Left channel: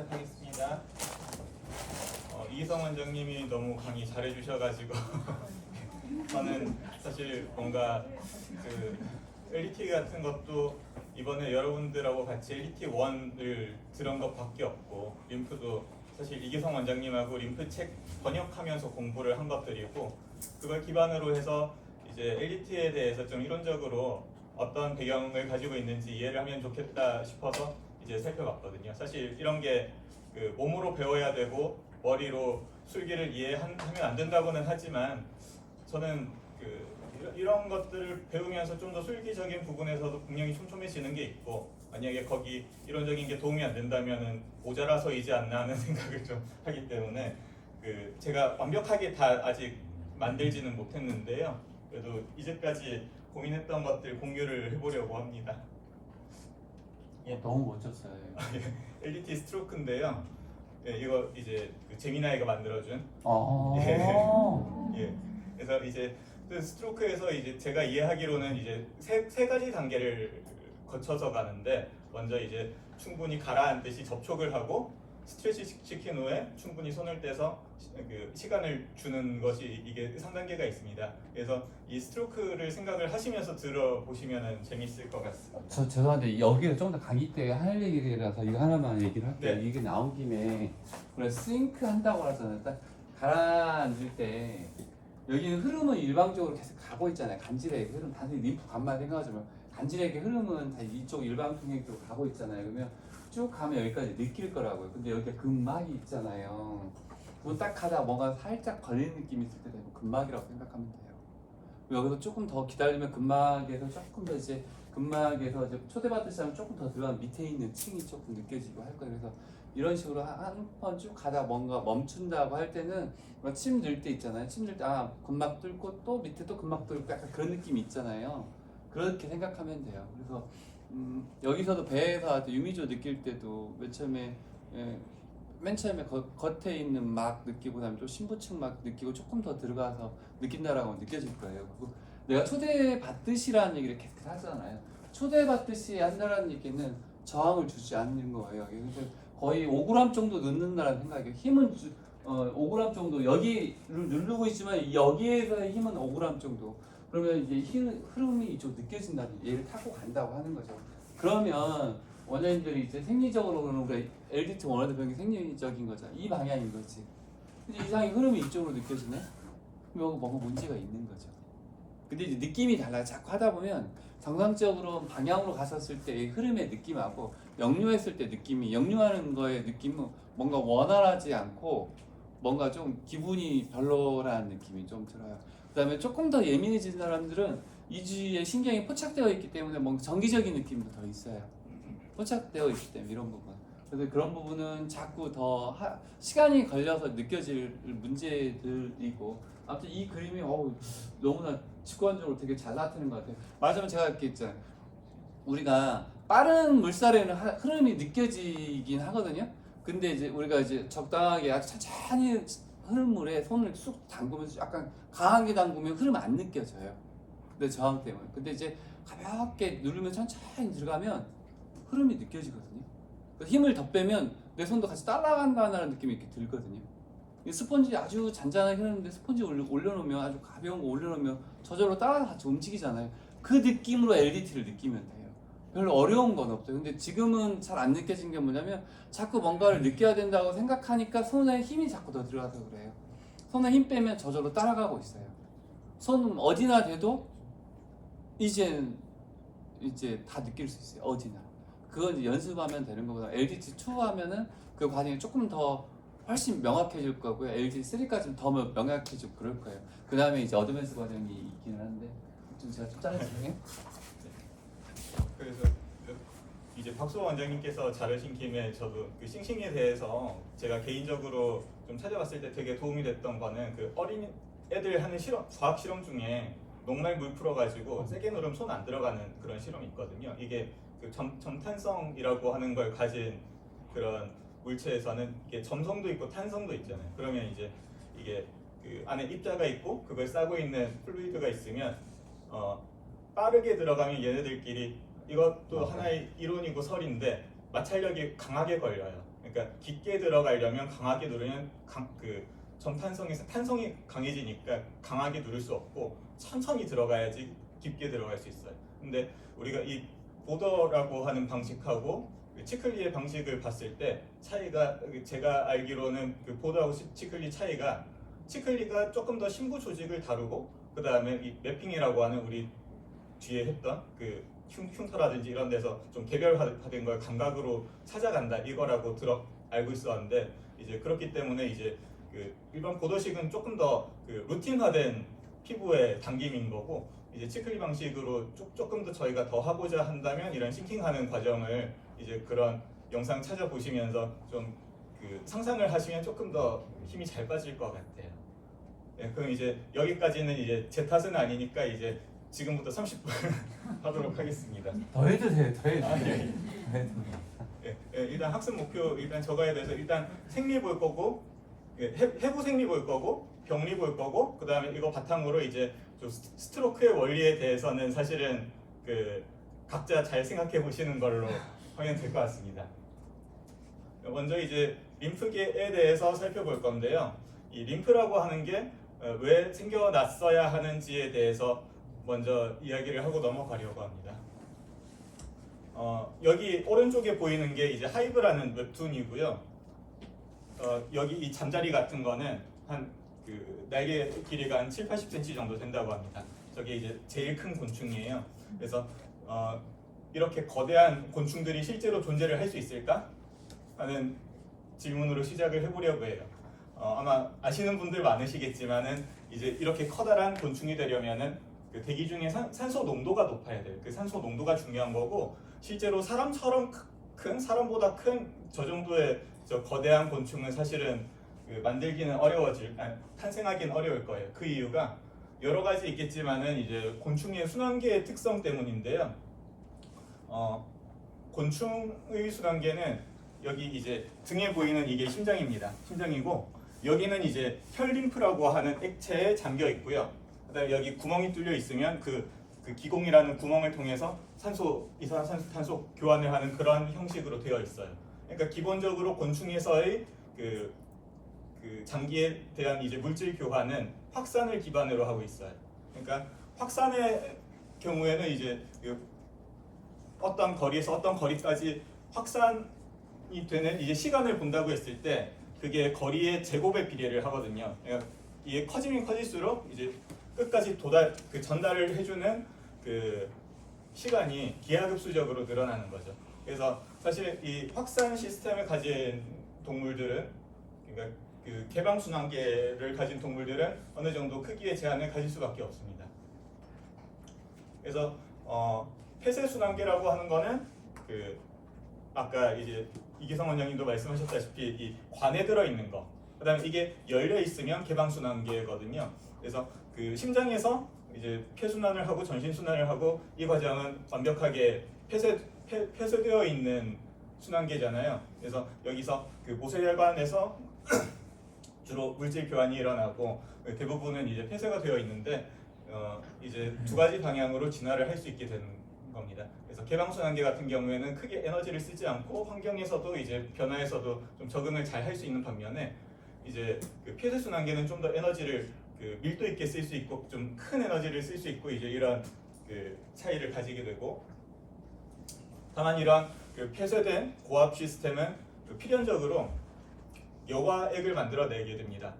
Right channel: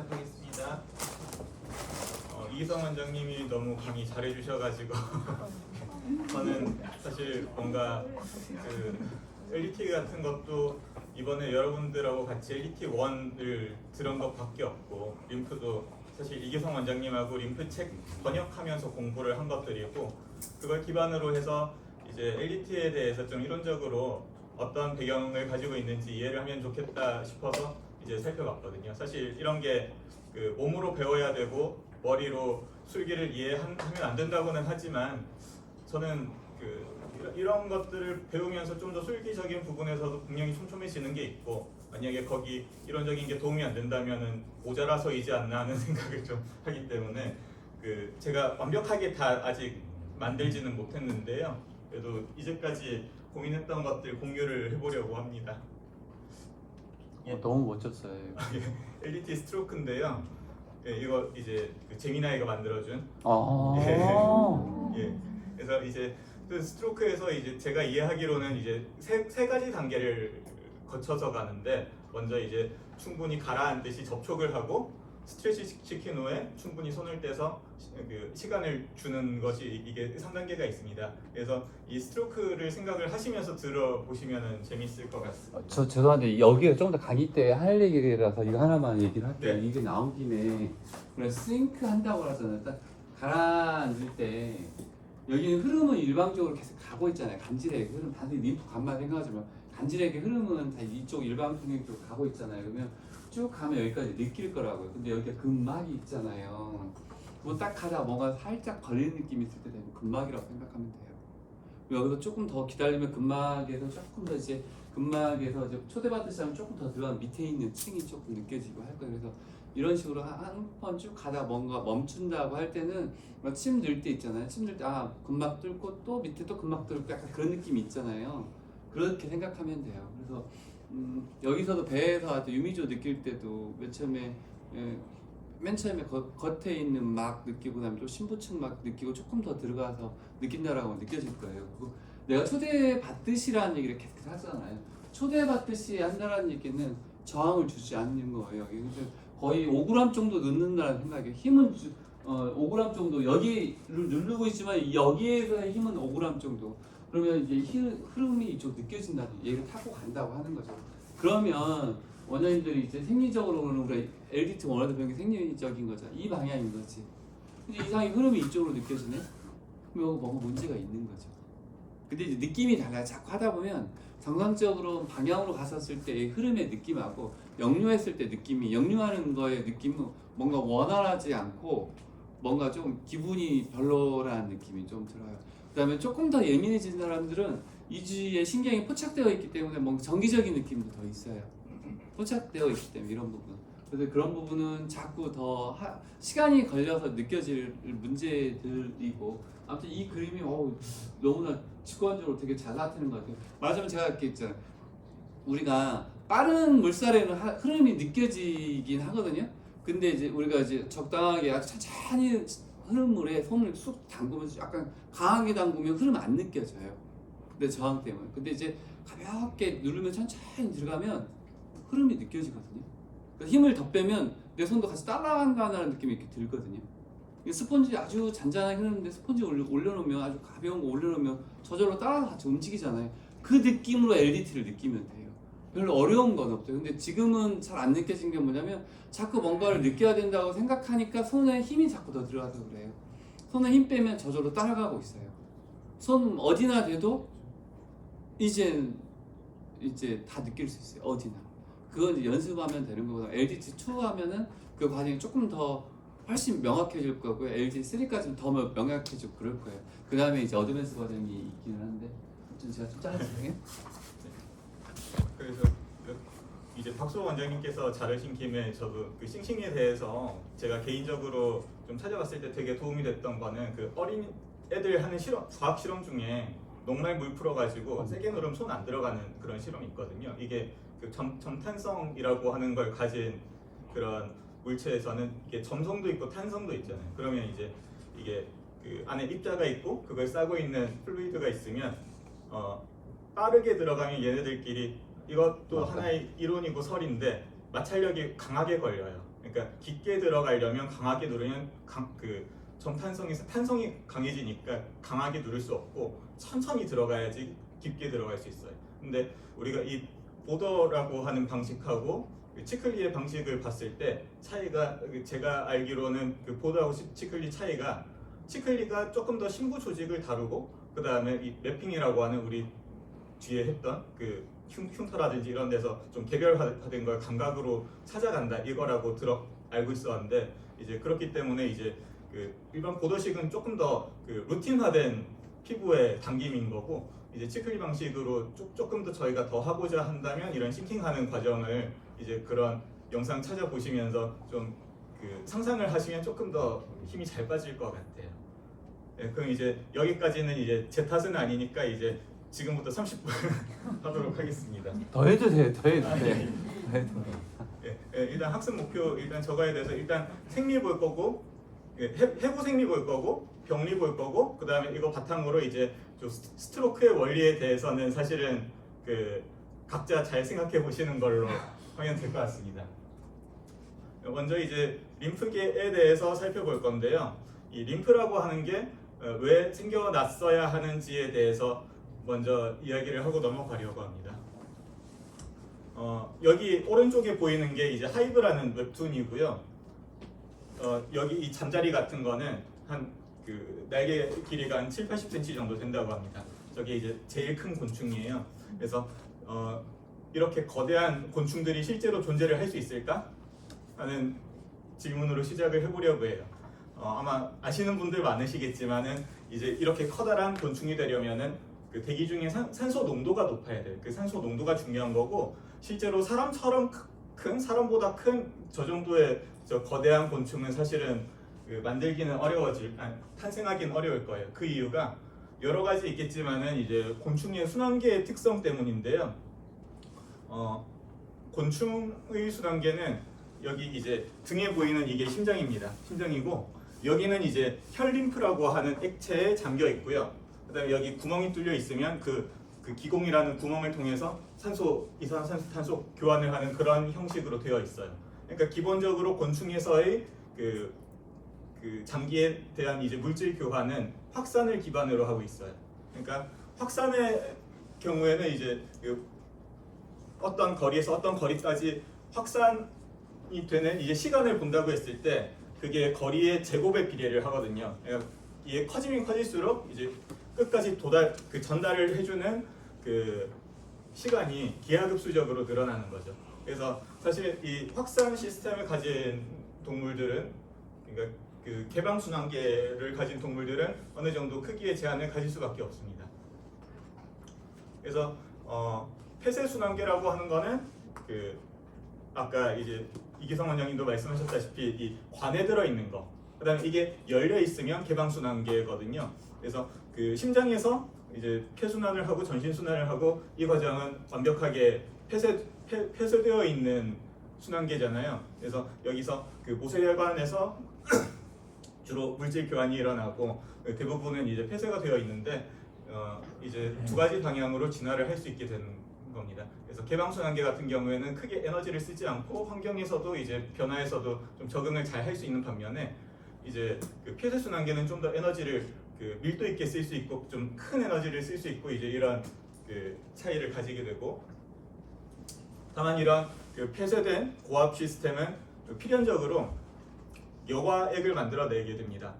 시작하겠습니다. 이기성 원장님이 너무 강의 잘해주셔가지고 저는 사실 뭔가 그 LDT 같은 것도 이번에 여러분들하고 같이 LDT 1을 들은 것밖에 없고, 림프도 사실 이기성 원장님하고 림프 책 번역하면서 공부를 한 것들이고, 그걸 기반으로 해서 이제 LDT에 대해서 좀 이론적으로 어떤 배경을 가지고 있는지 이해를 하면 좋겠다 싶어서 이제 살펴봤거든요. 사실 이런 게 그 몸으로 배워야 되고 머리로 술기를 이해하면 안 된다고는 하지만, 저는 그 이런 것들을 배우면서 좀 더 술기적인 부분에서도 분명히 촘촘해지는 게 있고, 만약에 거기 이론적인 게 도움이 안 된다면은 모자라서이지 않나 하는 생각을 좀 하기 때문에 그 제가 완벽하게 다 아직 만들지는 못했는데요. 그래도 이제까지 고민했던 것들 공유를 해보려고 합니다. 너무 멋졌어요. LDT 스트로크인데요. 예, 이거 이제 그 제미나이가 만들어준. 예. 그래서 이제 그 스트로크에서 이제 제가 이해하기로는 이제 세 가지 단계를 거쳐서 가는데, 먼저 이제 충분히 가라앉듯이 접촉을 하고 스트레치 시킨 후에 충분히 손을 떼서 그 시간을 주는 것이, 이게 3단계가 있습니다. 그래서 이 스트로크를 생각을 하시면서 들어보시면 재밌을 것 같습니다. 저 죄송한데 여기가 좀 더 강의 때 할 얘기라서 이거 하나만 얘기를 할게요. 네. 이게 나온 김에 우리가 스윙크 한다고 하잖아요. 딱 가라앉을 때 여기는 흐름은 일방적으로 계속 가고 있잖아요. 간질의 흐름, 단순히 림프 간만 생각하지만 간질의 흐름은 다 이쪽 일방통행으로 가고 있잖아요. 그러면 쭉 가면 여기까지 느낄 거라고요. 근데 여기가 근막이 있잖아요. 그거 딱 가다가 뭔가 살짝 걸리는 느낌이 있을 때 되면 근막이라고 생각하면 돼요. 여기서 조금 더 기다리면 근막에서 조금 더 이제 근막에서 이제 초대받듯이 하면 조금 더 들어간 밑에 있는 층이 조금 느껴지고 할 거예요. 그래서 이런 식으로 한 번 쭉 가다 뭔가 멈춘다고 할 때는 침 들 때 있잖아요. 침 들 때 근막 뚫고 또 밑에 또 근막 뚫고 약간 그런 느낌이 있잖아요. 그렇게 생각하면 돼요. 그래서 여기서도 배에서 아주 유미조 느낄 때도 맨 처음에 겉에 있는 막 느끼고 나면 또 심부층 막 느끼고 조금 더 들어가서 느낀다라고 느껴질 거예요. 그리고 내가 초대받듯이라는 얘기를 계속 하잖아요. 초대받듯이 한다라는 얘기는 저항을 주지 않는 거예요. 그래서 거의 5g 정도 넣는다는 생각이에요. 힘은 5g 정도 여기를 누르고 있지만 여기에서의 힘은 5g 정도. 그러면 이제 흐름이 이쪽 느껴진다는, 얘를 타고 간다고 하는 거죠. 그러면 원장님들이 이제 생리적으로는 우리가 LDT 원하는 병이 생리적인 거죠. 이 방향인 거지. 근데 이상의 흐름이 이쪽으로 느껴지네? 그럼 여기 뭔가 문제가 있는 거죠. 근데 이제 느낌이 달라요. 자꾸 하다 보면 정상적으로 방향으로 갔었을 때의 흐름의 느낌하고 역류했을 때 느낌이, 역류하는 거의 느낌은 뭔가 원활하지 않고 뭔가 좀 기분이 별로라는 느낌이 좀 들어요. 그 다음에 조금 더 예민해진 사람들은 이주위에 신경이 포착되어 있기 때문에 뭔가 정기적인 느낌도 더 있어요. 포착되어 있기 때문에 이런 부분. 그래서 그런 부분은 자꾸 더 시간이 걸려서 느껴질 문제들이고, 아무튼 이 그림이 너무나 직관적으로 되게 잘 나타내는 것 같아요. 말하자면 제가 이렇게 있잖아요. 우리가 빠른 물살에는 흐름이 느껴지긴 하거든요. 근데 이제 우리가 이제 적당하게 아주 천천히 흐름물에 손을 쑥 담그면서 약간 강하게 담그면 흐름 안 느껴져요. 근데 저항 때문에. 근데 이제 가볍게 누르면 천천히 들어가면 흐름이 느껴지거든요. 힘을 더 빼면 내 손도 같이 따라간다는 느낌이 이렇게 들거든요. 스펀지 아주 잔잔하게 흐르는데 스펀지 올려놓으면, 아주 가벼운 거 올려놓으면 저절로 따라서 같이 움직이잖아요. 그 느낌으로 LDT를 느끼면 돼요. 별로 어려운 건 없어요. 근데 지금은 잘 안 느껴진 게 뭐냐면, 자꾸 뭔가를 느껴야 된다고 생각하니까 손에 힘이 자꾸 더 들어가서 그래요. 손에 힘 빼면 저절로 따라가고 있어요. 손 어디나 대도 이제 다 느낄 수 있어요. 어디나. 그건 이제 연습하면 되는 거보다 LDT2 하면은 그 과정이 조금 더 훨씬 명확해질 거고요. LDT3까지는 더 명확해지고 그럴 거예요. 그 다음에 이제 어드밴스 과정이 있기는 한데, 좀 제가 좀 짧게 진행해요. 그래서 이제 박수 원장님께서 자르신 김에 저도 그 싱싱에 대해서 제가 개인적으로 좀 찾아봤을 때 되게 도움이 됐던 거는, 그 어린 애들 하는 과학 실험 중에 녹말 물 풀어가지고 세게 누르면 손 안 들어가는 그런 실험이 있거든요. 이게 그 점탄성이라고 하는 걸 가진 그런 물체에서는 이게 점성도 있고 탄성도 있잖아요. 그러면 이제 이게 그 안에 입자가 있고 그걸 싸고 있는 플루이드가 있으면 빠르게 들어가면 얘네들끼리, 이것도 하나의 이론이고 설인데, 마찰력이 강하게 걸려요. 그러니까 깊게 들어가려면 강하게 누르면 탄성이 강해지니까 강하게 누를 수 없고 천천히 들어가야지 깊게 들어갈 수 있어요. 근데 우리가 이 보더라고 하는 방식하고 치클리의 방식을 봤을 때 차이가, 제가 알기로는 그 보더하고 치클리 차이가, 치클리가 조금 더 심부 조직을 다루고 그 다음에 이 매핑이라고 하는 우리 뒤에 했던 그 흉터라든지 이런 데서 좀 개별화된 걸 감각으로 찾아간다 이거라고 알고 있었는데, 이제 그렇기 때문에 이제 그 일반 보더식은 조금 더 그 루틴화된 피부의 당김인 거고, 이제 치클리 방식으로 조금 더 저희가 더 하고자 한다면 이런 싱킹하는 과정을 이제 그런 영상 찾아보시면서 좀 그 상상을 하시면 조금 더 힘이 잘 빠질 것 같아요. 네, 그럼 이제 여기까지는 이제 제 탓은 아니니까 이제 지금부터 30분 하도록 하겠습니다. 더 해도 돼요. 더 해도 아, 돼요. 네. 더 해도 돼요. 일단 학습 목표 일단 적어야 돼서, 일단 생리 볼 거고, 해부 생리 볼 거고, 병리 볼 거고, 그 다음에 이거 바탕으로 이제 좀 스트로크의 원리에 대해서는 사실은 그 각자 잘 생각해 보시는 걸로 하면 될 것 같습니다. 먼저 이제 림프계에 대해서 살펴볼 건데요. 이 림프라고 하는 게 왜 생겨났어야 하는지에 대해서 먼저 이야기를 하고 넘어가려고 합니다. 여기 오른쪽에 보이는 게 이제 하이브라는 웹툰이고요. 여기 이 잠자리 같은 거는 한 그 날개 길이가 한 7-80cm 정도 된다고 합니다. 저게 이제 제일 큰 곤충이에요. 그래서 이렇게 거대한 곤충들이 실제로 존재를 할 수 있을까 하는 질문으로 시작을 해보려고 해요. 아마 아시는 분들 많으시겠지만은 이제 이렇게 커다란 곤충이 되려면은 그 대기 중에 산소 농도가 높아야 돼요. 그 산소 농도가 중요한 거고, 실제로 사람처럼 사람보다 큰 저 정도의 저 거대한 곤충은 사실은 그 만들기는 탄생하기는 어려울 거예요. 그 이유가 여러 가지 있겠지만은 이제 곤충의 순환계의 특성 때문인데요. 곤충의 순환계는 여기 이제 등에 보이는 이게 심장입니다. 심장이고, 여기는 이제 혈림프라고 하는 액체에 잠겨 있고요. 그다음에 여기 구멍이 뚫려 있으면 그 기공이라는 구멍을 통해서 이산화탄소 교환을 하는 그런 형식으로 되어 있어요. 그러니까 기본적으로 곤충에서의 그 장기에 대한 이제 물질 교환은 확산을 기반으로 하고 있어요. 그러니까 확산의 경우에는 이제 어떤 거리에서 어떤 거리까지 확산이 되는 이제 시간을 본다고 했을 때 그게 거리의 제곱에 비례를 하거든요. 그러니까 이게 커지면 커질수록 이제 끝까지 전달을 해주는 그 시간이 기하급수적으로 늘어나는 거죠. 그래서 사실 이 확산 시스템을 가진 동물들은, 그러니까 그 개방순환계를 가진 동물들은 어느 정도 크기의 제한을 가질 수밖에 없습니다. 그래서 폐쇄순환계라고 하는 거는 그 아까 이제 이기성 원장님도 말씀하셨다시피 이 관에 들어 있는 거, 그다음에 이게 열려 있으면 개방순환계거든요. 그래서 그 심장에서 이제 폐순환을 하고 전신순환을 하고, 이 과정은 완벽하게 폐쇄되어 있는 순환계잖아요. 그래서 여기서 그 모세혈관에서 주로 물질 교환이 일어나고 대부분은 이제 폐쇄가 되어 있는데 이제 두 가지 방향으로 진화를 할 수 있게 되는 겁니다. 그래서 개방순환계 같은 경우에는 크게 에너지를 쓰지 않고 환경에서도 이제 변화에서도 좀 적응을 잘 할 수 있는 반면에, 이제 그 폐쇄순환계는 좀 더 에너지를 그 밀도 있게 쓸 수 있고 좀 큰 에너지를 쓸 수 있고 이제 이런 그 차이를 가지게 되고, 다만 이런 그 폐쇄된 고압 시스템은 필연적으로 여과액을 만들어내게 됩니다.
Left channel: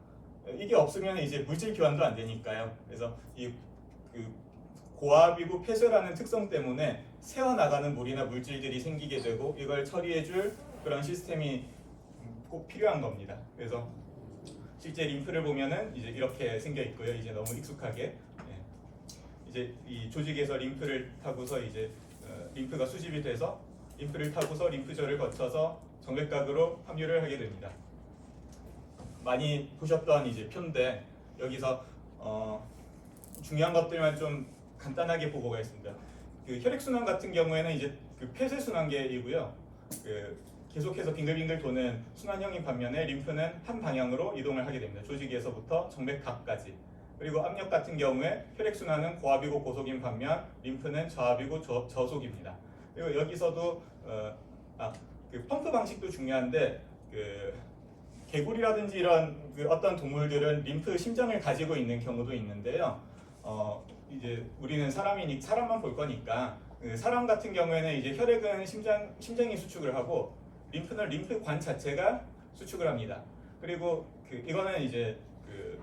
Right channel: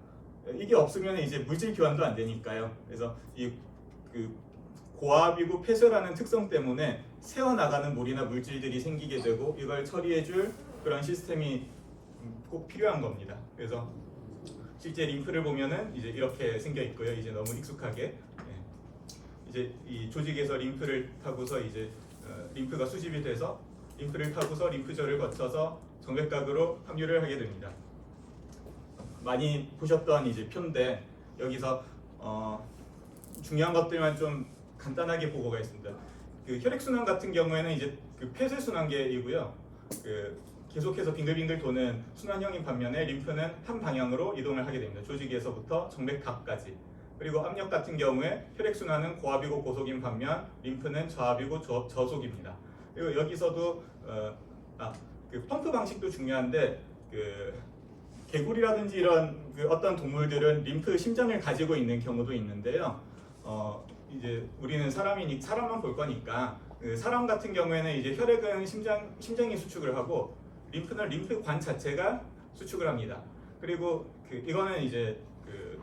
이게 없으면 이제 물질 교환도 안 되니까요. 그래서 이 그 고압이고 폐쇄라는 특성 때문에 새어나가는 물이나 물질들이 생기게 되고, 이걸 처리해줄 그런 시스템이 꼭 필요한 겁니다. 그래서 실제 림프를 보면은 이제 이렇게 생겨 있고요. 이제 너무 익숙하게 이제 이 조직에서 림프를 타고서 이제 림프가 수집이 돼서 림프를 타고서 림프절을 거쳐서 정맥각으로 함유를 하게 됩니다. 많이 보셨던 이제 표인데 여기서 중요한 것들만 좀 간단하게 보고 가겠습니다. 그 혈액순환 같은 경우에는 이제 그 폐쇄순환계이고요. 그 계속해서 빙글빙글 도는 순환형인 반면에 림프는 한 방향으로 이동을 하게 됩니다. 조직에서부터 정맥각까지. 그리고 압력 같은 경우에 혈액순환은 고압이고 고속인 반면 림프는 저압이고 저속입니다. 그리고 여기서도 그 펌프 방식도 중요한데 그 개구리라든지 이런 그 어떤 동물들은 림프 심장을 가지고 있는 경우도 있는데요. 이제 우리는 사람만 볼 거니까 그 사람 같은 경우에는 이제 혈액은 심장이 수축을 하고 림프는 림프관 자체가 수축을 합니다. 그리고 이거는 이제 그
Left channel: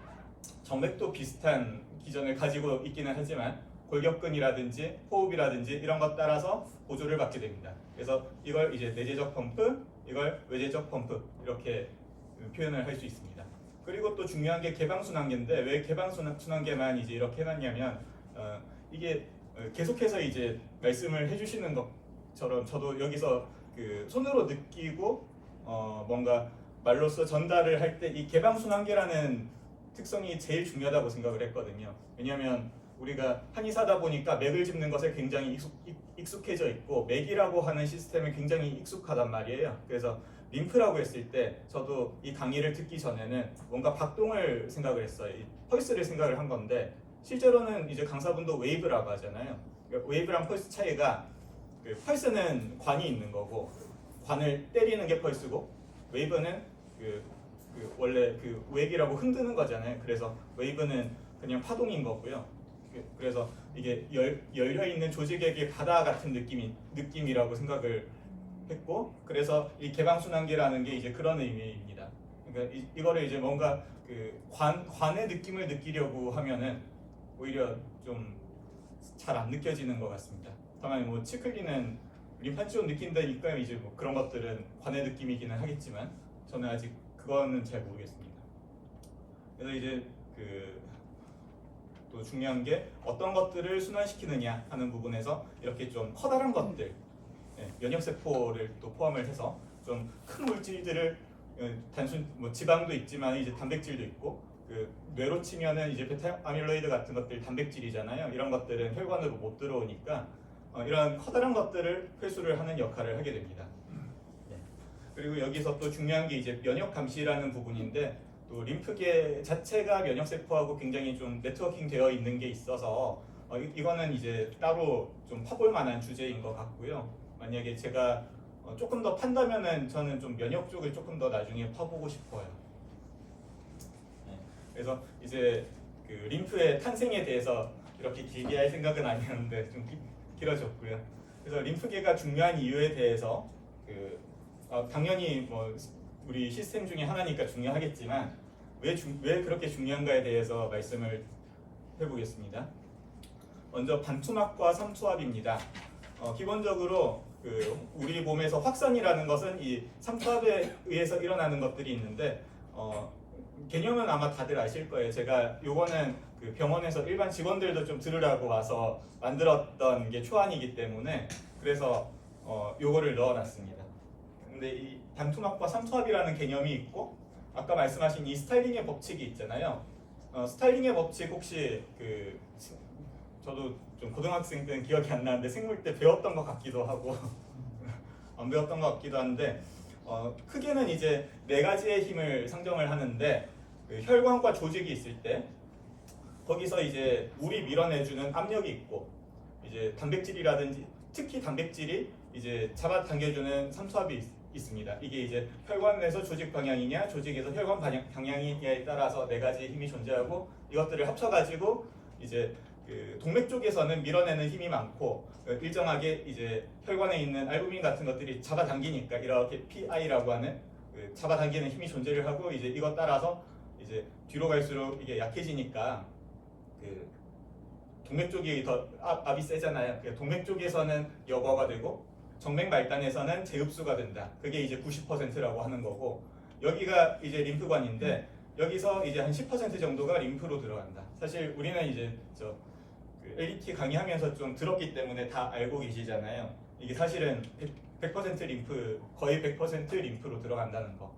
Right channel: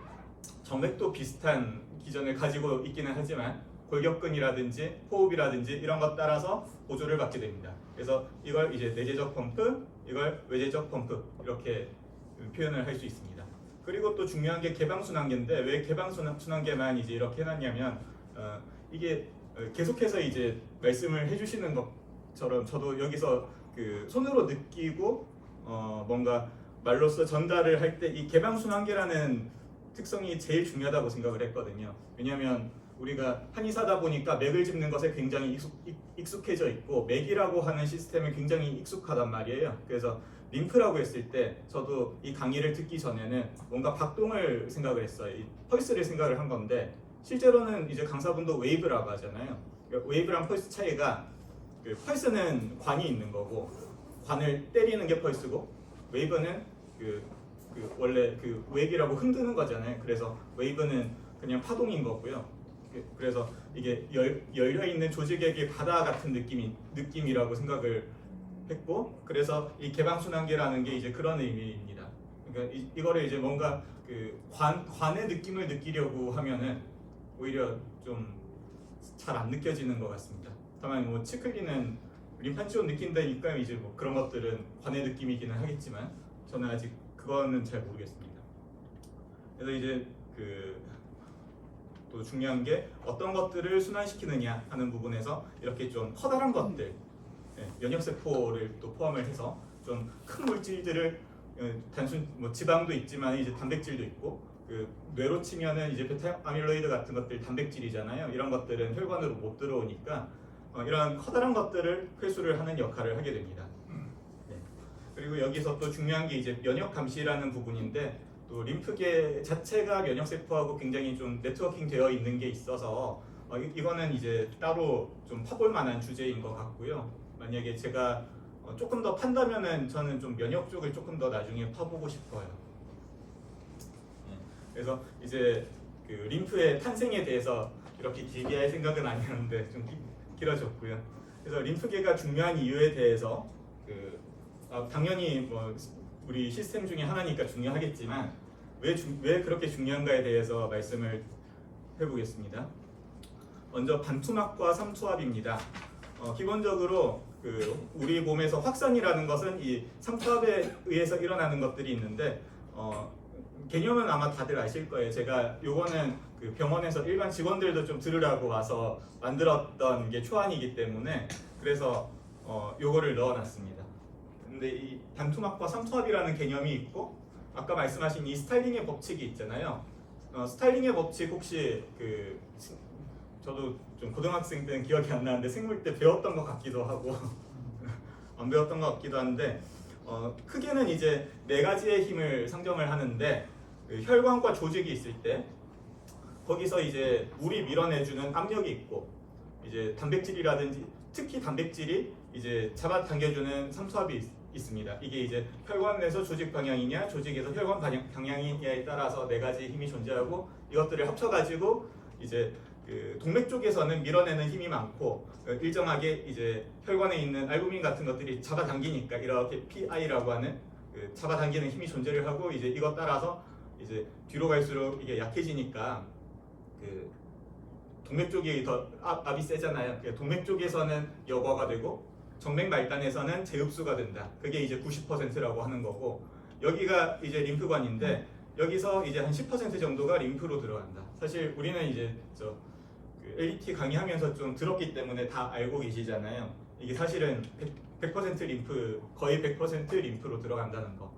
정맥도 비슷한 기전을 가지고 있기는 하지만 골격근이라든지 호흡이라든지 이런 것 따라서 보조를 받게 됩니다. 그래서 이걸 이제 내재적 펌프, 이걸 외재적 펌프 이렇게 표현을 할 수 있습니다. 그리고 또 중요한 게 개방순환계인데 왜 개방순환계만 이제 이렇게 해놨냐면 이게 계속해서 이제 말씀을 해주시는 것처럼 저도 여기서 그 손으로 느끼고 뭔가 말로써 전달을 할 때 이 개방순환계라는 특성이 제일 중요하다고 생각을 했거든요. 왜냐하면 우리가 한의사다 보니까 맥을 짚는 것에 굉장히 익숙해져 있고 맥이라고 하는 시스템에 굉장히 익숙하단 말이에요. 그래서 림프라고 했을 때 저도 이 강의를 듣기 전에는 뭔가 박동을 생각을 했어요. 이 펄스를 생각을 한 건데 실제로는 이제 강사분도 웨이브라고 하잖아요. 웨이브랑 펄스 차이가 그 펄스는 관이 있는 거고 관을 때리는 게 펄스고 웨이브는 원래 그 웨이브라고 흔드는 거잖아요. 그래서 웨이브는 그냥 파동인 거고요. 그래서 이게 열려 있는 조직액의 바다 같은 느낌이라고 생각을 했고, 그래서 이 개방순환계라는 게 이제 그런 의미입니다. 그러니까 이거를 이제 뭔가 그 관의 느낌을 느끼려고 하면은 오히려 좀 잘 안 느껴지는 것 같습니다. 다만 뭐 치클리는 림파치온 느낀다니까 이제 뭐 그런 것들은 관의 느낌이기는 하겠지만 저는 아직 그거는 잘 모르겠습니다. 그래서 이제 또 중요한 게 어떤 것들을 순환시키느냐 하는 부분에서 이렇게 좀 커다란 것들, 면역세포를 또 포함을 해서 좀 큰 물질들을 단순 뭐 지방도 있지만 이제 단백질도 있고 뇌로 치면은 이제 베타 아밀로이드 같은 것들 단백질이잖아요. 이런 것들은 혈관으로 못 들어오니까 이런 커다란 것들을 회수를 하는 역할을 하게 됩니다. 그리고 여기서 또 중요한 게 이제 면역 감시라는 부분인데 또 림프계 자체가 면역세포하고 굉장히 좀 네트워킹 되어 있는 게 있어서 이거는 이제 따로 좀 파볼 만한 주제인 것 같고요. 만약에 제가 조금 더 판다면은 저는 좀 면역 쪽을 조금 더 나중에 파보고 싶어요. 그래서 이제 그 림프의 탄생에 대해서 이렇게 길게 할 생각은 아니었는데 좀 길어졌고요. 그래서 림프계가 중요한 이유에 대해서 당연히 뭐 우리 시스템 중에 하나니까 중요하겠지만 왜 그렇게 중요한가에 대해서 말씀을 해보겠습니다. 먼저 반투막과 삼투압입니다. 기본적으로 우리 몸에서 확산이라는 것은 이 삼투압에 의해서 일어나는 것들이 있는데 개념은 아마 다들 아실 거예요. 제가 요거는 그 병원에서 일반 직원들도 좀 들으라고 와서 만들었던 게 초안이기 때문에 그래서 요거를 넣어놨습니다. 근데 이 반투막과 삼투압이라는 개념이 있고 아까 말씀하신 이 스타일링의 법칙이 있잖아요. 스타일링의 법칙 혹시 저도 좀 고등학생 때는 기억이 안 나는데 생물 때 배웠던 것 같기도 하고 안 배웠던 것 같기도 한데 크게는 이제 4가지의 힘을 상정을 하는데 혈관과 조직이 있을 때 거기서 이제 물이 밀어내주는 압력이 있고 이제 단백질이라든지 특히 단백질이 이제 잡아당겨주는 삼투압이 있습니다. 이게 이제 혈관 내에서 조직 방향이냐 조직에서 혈관 방향이냐에 따라서 4가지 힘이 존재하고 이것들을 합쳐가지고 이제 동맥 쪽에서는 밀어내는 힘이 많고 일정하게 이제 혈관에 있는 알부민 같은 것들이 잡아당기니까 이렇게 PI라고 하는 잡아당기는 힘이 존재를 하고 이제 이것 따라서 이제 뒤로 갈수록 이게 약해지니까 동맥 쪽이 더 압이 세잖아요. 동맥 쪽에서는 여과가 되고 정맥 말단에서는 재흡수가 된다. 그게 이제 90%라고 하는 거고 여기가 이제 림프관인데 여기서 이제 한 10% 정도가 림프로 들어간다. 사실 우리는 이제 LET 강의하면서 좀 들었기 때문에 다 알고 계시잖아요. 이게 사실은 100% 림프, 거의 100% 림프로 들어간다는 거.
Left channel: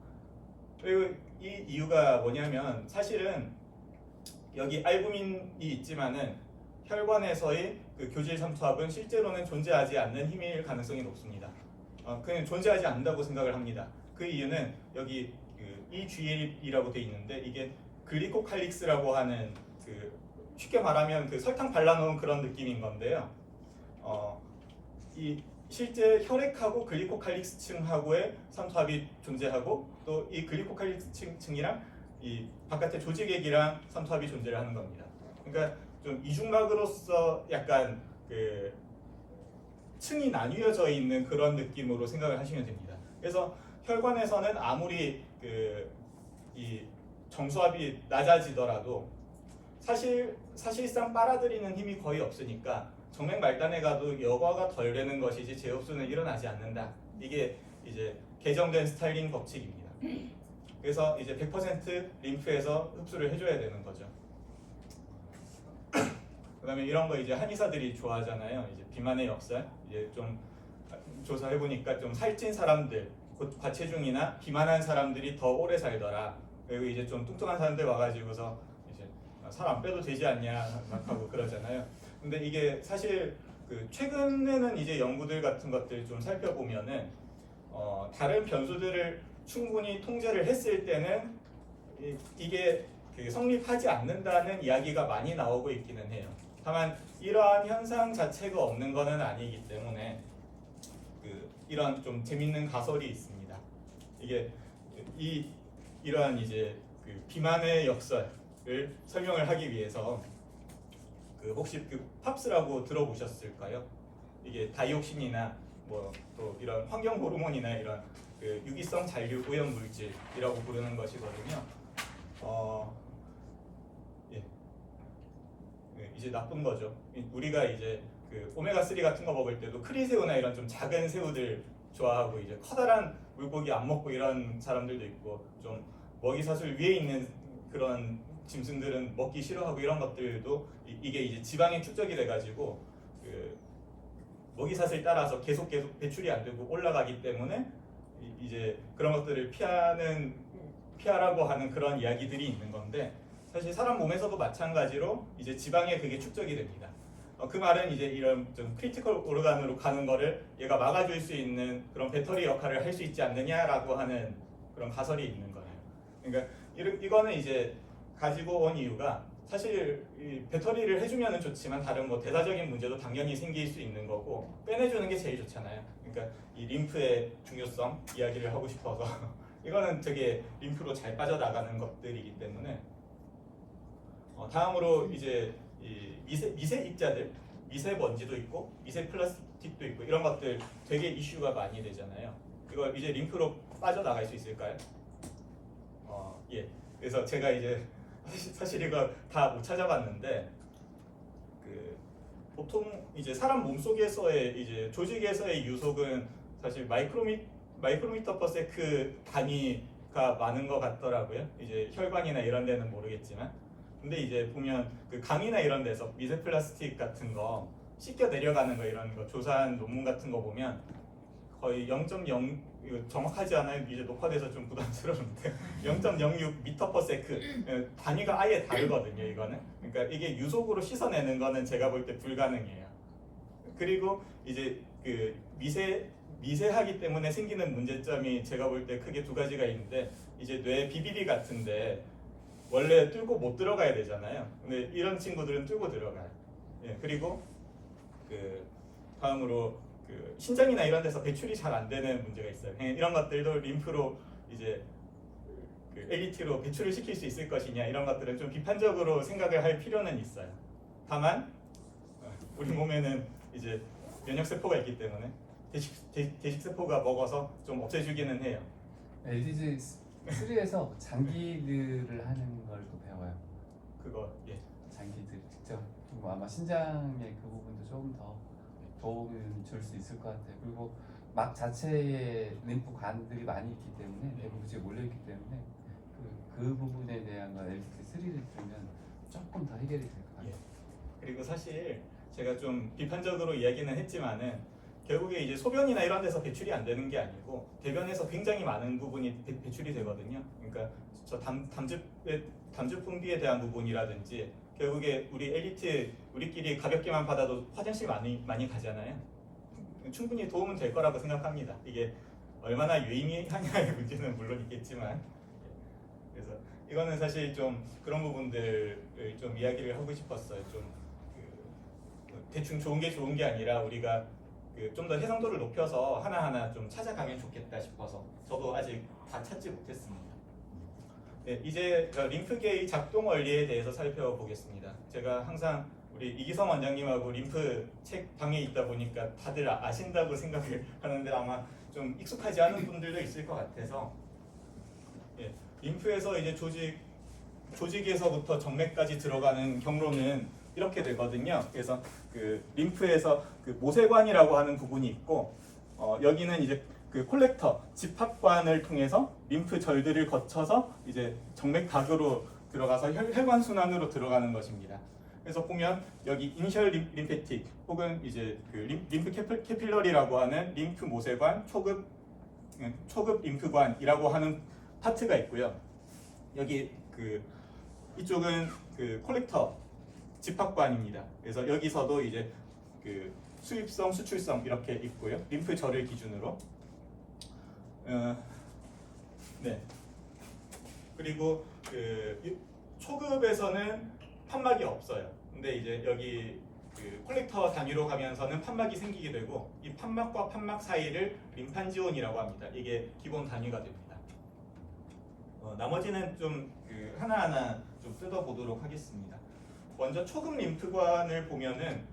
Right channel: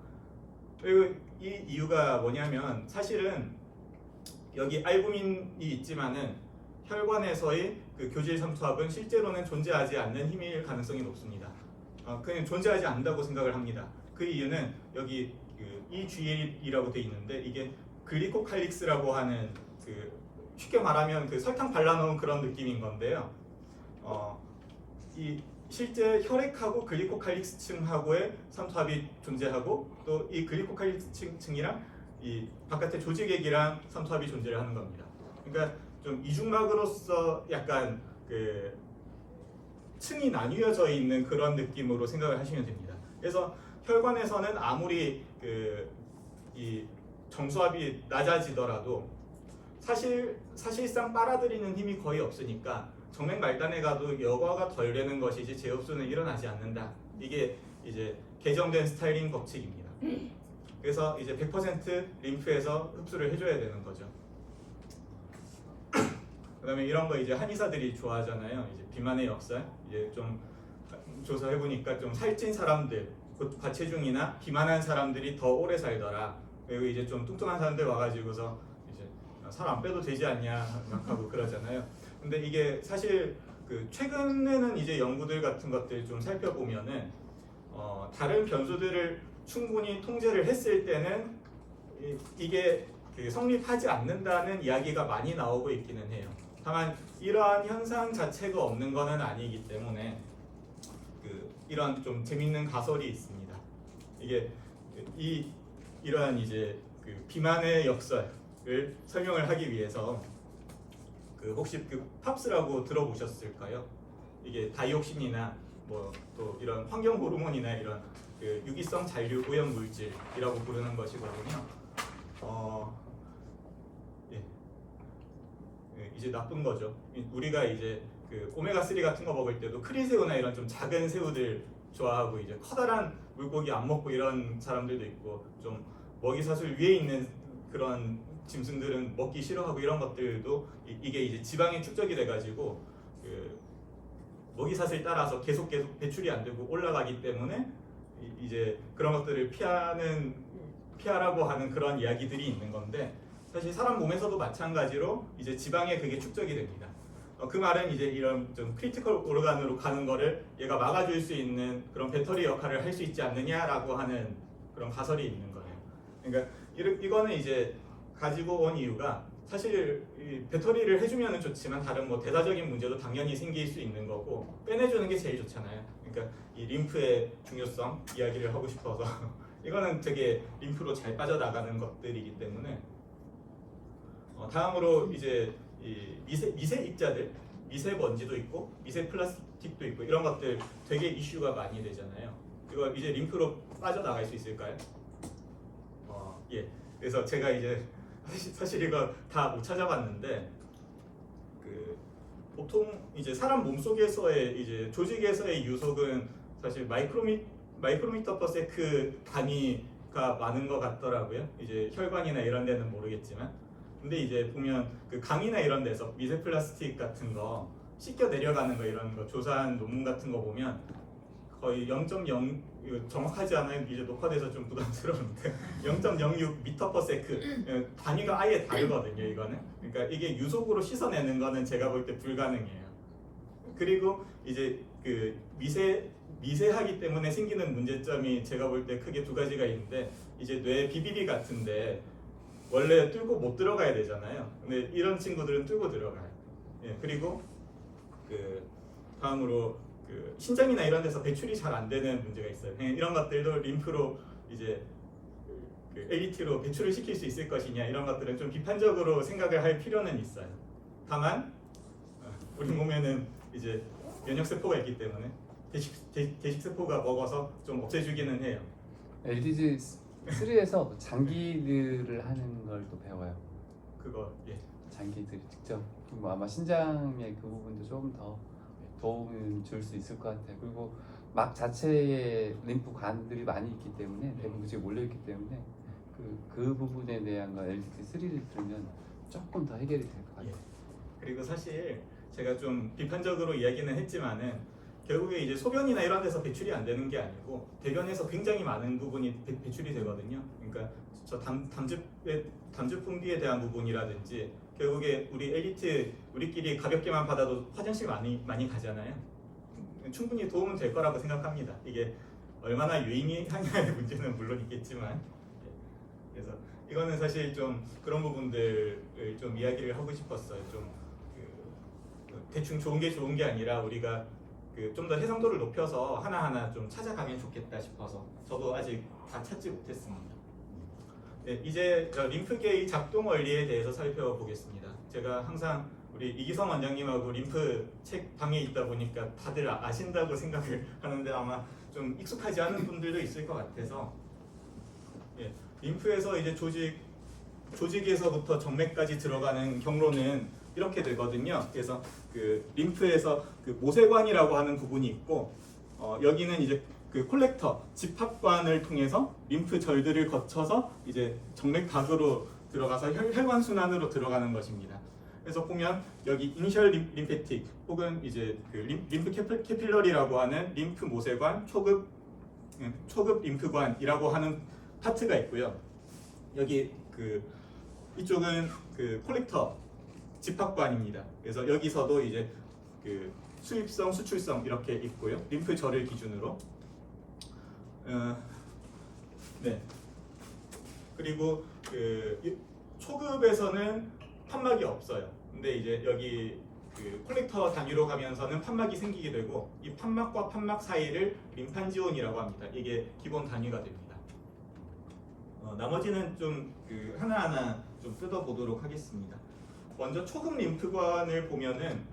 그리고 이 이유가 뭐냐면 사실은 여기 알부민이 있지만은 혈관에서의 교질 삼투압은 실제로는 존재하지 않는 힘일 가능성이 높습니다. 그냥 존재하지 않는다고 생각을 합니다. 그 이유는 여기 EGL이라고 돼 있는데 이게 글리코칼릭스라고 하는 쉽게 말하면 설탕 발라놓은 그런 느낌인 건데요. 이 실제 혈액하고 글리코칼릭스층하고의 삼투압이 존재하고 또 이 글리코칼릭스층이랑 이 바깥의 조직액이랑 삼투압이 존재를 하는 겁니다. 그러니까 좀 이중막으로서 약간 그 층이 나뉘어져 있는 그런 느낌으로 생각을 하시면 됩니다. 그래서 혈관에서는 아무리 이 정수압이 낮아지더라도 사실상 빨아들이는 힘이 거의 없으니까 정맥 말단에 가도 여과가 덜 되는 것이지 재흡수는 일어나지 않는다. 이게 이제 개정된 스타일링 법칙입니다. 그래서 이제 100% 림프에서 흡수를 해줘야 되는 거죠. 그다음에 이런 거 이제 한의사들이 좋아하잖아요. 이제 비만의 역설. 이제 좀 조사해 보니까 좀 살찐 사람들, 곧 과체중이나 비만한 사람들이 더 오래 살더라. 그리고 이제 좀 뚱뚱한 사람들 와가지고서 이제 살 안 빼도 되지 않냐 막 하고 그러잖아요. 근데 이게 사실 그 최근에는 이제 연구들 같은 것들 좀 살펴보면은 다른 변수들을 충분히 통제를 했을 때는 이게 성립하지 않는다는 이야기가 많이 나오고 있기는 해요. 다만 이러한 현상 자체가 없는 것은 아니기 때문에 이런 좀 재밌는 가설이 있습니다. 이게 이러한 이제 비만의 역설을 설명을 하기 위해서 혹시 팝스라고 들어보셨을까요? 이게 다이옥신이나 뭐 또 이런 환경 호르몬이나 이런 유기성 잔류 오염 물질이라고 부르는 것이거든요. 이제 나쁜 거죠. 우리가 이제 오메가 3 같은 거 먹을 때도 크리새우나 이런 좀 작은 새우들 좋아하고 이제 커다란 물고기 안 먹고 이런 사람들도 있고 좀 먹이사슬 위에 있는 그런 짐승들은 먹기 싫어하고 이런 것들도 이게 이제 지방이 축적이 돼가지고 먹이사슬 따라서 계속 배출이 안 되고 올라가기 때문에 이제 그런 것들을 피하라고 하는 그런 이야기들이 있는 건데 사실 사람 몸에서도 마찬가지로 이제 지방에 그게 축적이 됩니다. 그 말은 이제 이런 좀 크리티컬 오르간으로 가는 거를 얘가 막아줄 수 있는 그런 배터리 역할을 할 수 있지 않느냐라고 하는 그런 가설이 있는 거예요. 그러니까 이거는 이제 가지고 온 이유가 사실 이 배터리를 해주면은 좋지만 다른 뭐 대사적인 문제도 당연히 생길 수 있는 거고 빼내주는 게 제일 좋잖아요. 그러니까 이 림프의 중요성 이야기를 하고 싶어서 이거는 되게 림프로 잘 빠져나가는 것들이기 때문에 다음으로 이제 이 미세 입자들, 미세먼지도 있고 미세 플라스틱도 있고 이런 것들 되게 이슈가 많이 되잖아요. 이거 이제 림프로 빠져나갈 수 있을까요? 예. 그래서 제가 이제 사실 이거 다 못 찾아봤는데 보통 이제 사람 몸속에서의 이제 조직에서의 유속은 사실 마이크로미터 퍼 세크 단위가 많은 것 같더라고요. 이제 혈관이나 이런 데는 모르겠지만. 근데 이제 보면 강이나 이런 데서 미세 플라스틱 같은 거 씻겨 내려가는 거 이런 거 조사한 논문 같은 거 보면 거의 0.0 이거 정확하지 않아요. 이제 녹화돼서 좀 부담스러운데 0.06 미터 퍼 세크 단위가 아예 다르거든요. 이거는 그러니까 이게 유속으로 씻어내는 거는 제가 볼 때 불가능해요. 그리고 이제 미세하기 때문에 생기는 문제점이 제가 볼 때 크게 두 가지가 있는데 이제 뇌 비비리 같은데 원래 뚫고 못 들어가야 되잖아요. 근데 이런 친구들은 뚫고 들어가요. 예, 그리고 다음으로 신장이나 이런 데서 배출이 잘 안 되는 문제가 있어요. 이런 것들도 림프로 이제 LDT로 배출을 시킬 수 있을 것이냐 이런 것들은 좀 비판적으로 생각을 할 필요는 있어요. 다만 우리 몸에는 이제 면역 세포가 있기 때문에 대식 세포가 먹어서 좀 없애주기는 해요. LDG 3에서 장기들을 하는 걸 또 배워요. 그거 예. 장기들 직접 뭐 아마 신장의 그 부분도 조금 더 도움을 줄 수 있을 것 같아요. 그리고 막 자체에 림프관들이 많이 있기 때문에 내부지에 몰려 있기 때문에 그 부분에 대한 거 LDT3를 들으면 조금 더 해결이 될 것 같아요. 예. 그리고 사실 제가 좀 비판적으로 이야기는 했지만은 결국에 이제 소변이나 이런 데서 배출이 안 되는 게 아니고 대변에서 굉장히 많은 부분이 배출이 되거든요. 그러니까 저 담즙 분비에 대한 부분이라든지 결국에 우리 엘리트 우리끼리 가볍게만 받아도 화장실 많이 가잖아요. 충분히 도움은 될 거라고 생각합니다. 이게 얼마나 유의미하냐의 문제는 물론 있겠지만 그래서 이거는 사실 좀 그런 부분들을 좀 이야기를 하고 싶었어요. 좀 대충 좋은 게 아니라 우리가 좀 더 해상도를 높여서 하나하나 좀 찾아가면 좋겠다 싶어서 저도 아직 다 찾지 못했습니다. 네, 이제 림프계의 작동 원리에 대해서 살펴보겠습니다. 제가 항상 우리 이기성 원장님하고 림프 책 방에 있다 보니까 다들 아신다고 생각을 하는데 아마 좀 익숙하지 않은 분들도 있을 것 같아서 예, 림프에서 이제 조직에서부터 정맥까지 들어가는 경로는 이렇게 되거든요. 그래서 그 림프에서 그 모세관이라고 하는 부분이 있고 여기는 이제 그 콜렉터 집합관을 통해서 림프 절들을 거쳐서 이제 정맥각으로 들어가서 혈관 순환으로 들어가는 것입니다. 그래서 보면 여기 이니셜 림페틱 혹은 이제 그 림프 캐필러리라고 하는 림프 모세관, 초급 림프관이라고 하는 파트가 있고요. 여기 그 이쪽은 그 콜렉터 집합관입니다. 그래서 여기서도 이제 그 수입성, 수출성 이렇게 있고요. 림프절을 기준으로. 네. 그리고 그 초급에서는 판막이 없어요. 근데 이제 여기 그 콜렉터 단위로 가면서는 판막이 생기게 되고 이 판막과 판막 사이를 림판지온이라고 합니다. 이게 기본 단위가 됩니다. 나머지는 좀 그 하나하나 좀 뜯어보도록 하겠습니다. 먼저 초급 림프관을 보면은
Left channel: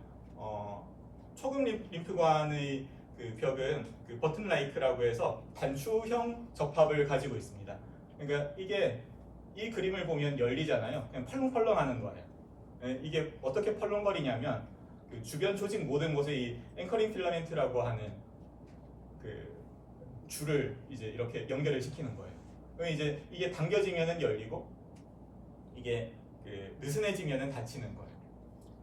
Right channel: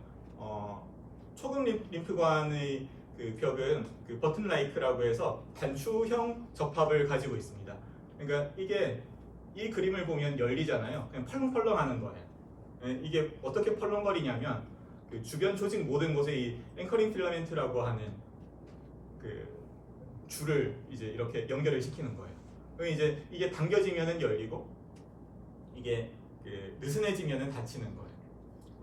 초급 림프관의 그 벽은 그 버튼 라이크라고 해서 단추형 접합을 가지고 있습니다. 그러니까 이게 이 그림을 보면 열리잖아요. 그냥 펄렁펄렁하는 거예요. 이게 어떻게 펄렁거리냐면 그 주변 조직 모든 곳에 이 앵커링 필라멘트라고 하는 그 줄을 이제 이렇게 연결을 시키는 거예요. 그럼 이제 이게 당겨지면은 열리고 이게 그 느슨해지면은 닫히는 거예요.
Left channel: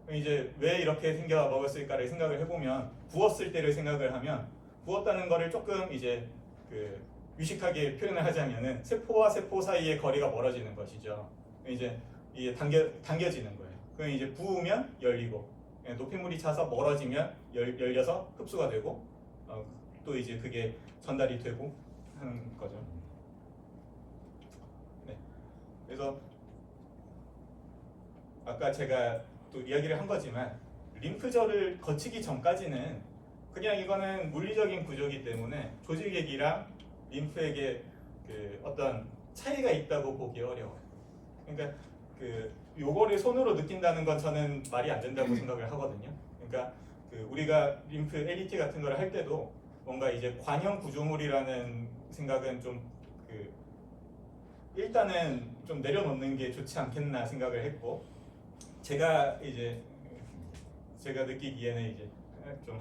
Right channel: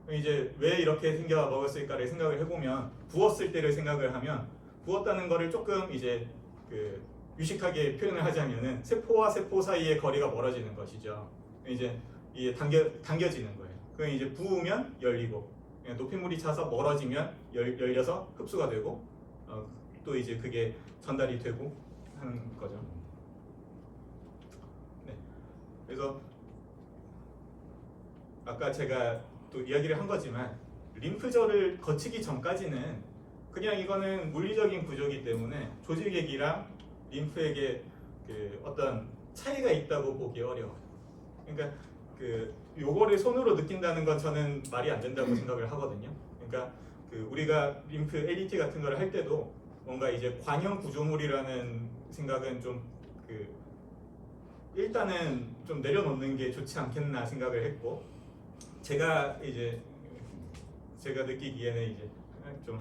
그럼 이제 왜 이렇게 생겨 먹었을까를 생각을 해보면 부었을 때를 생각을 하면 부었다는 거를 조금 이제 그 유식하게 표현을 하자면은 세포와 세포 사이의 거리가 멀어지는 것이죠. 이제 이게 당겨지는 거예요. 그럼 이제 부으면 열리고 높이물이 차서 멀어지면 열려서 흡수가 되고 또 이제 그게 전달이 되고 하는 거죠. 네. 그래서 아까 제가 또 이야기를 한 거지만 림프절을 거치기 전까지는 그냥 이거는 물리적인 구조이기 때문에 조직액이랑 림프액에 그 어떤 차이가 있다고 보기 어려워요. 그러니까 그 요거를 손으로 느낀다는 건 저는 말이 안 된다고 생각을 하거든요. 그러니까 그 우리가 림프 LET 같은 걸 할 때도 뭔가 이제 관형 구조물이라는 생각은 좀 그 일단은 좀 내려놓는 게 좋지 않겠나 생각을 했고 제가 느끼기에는 이제 좀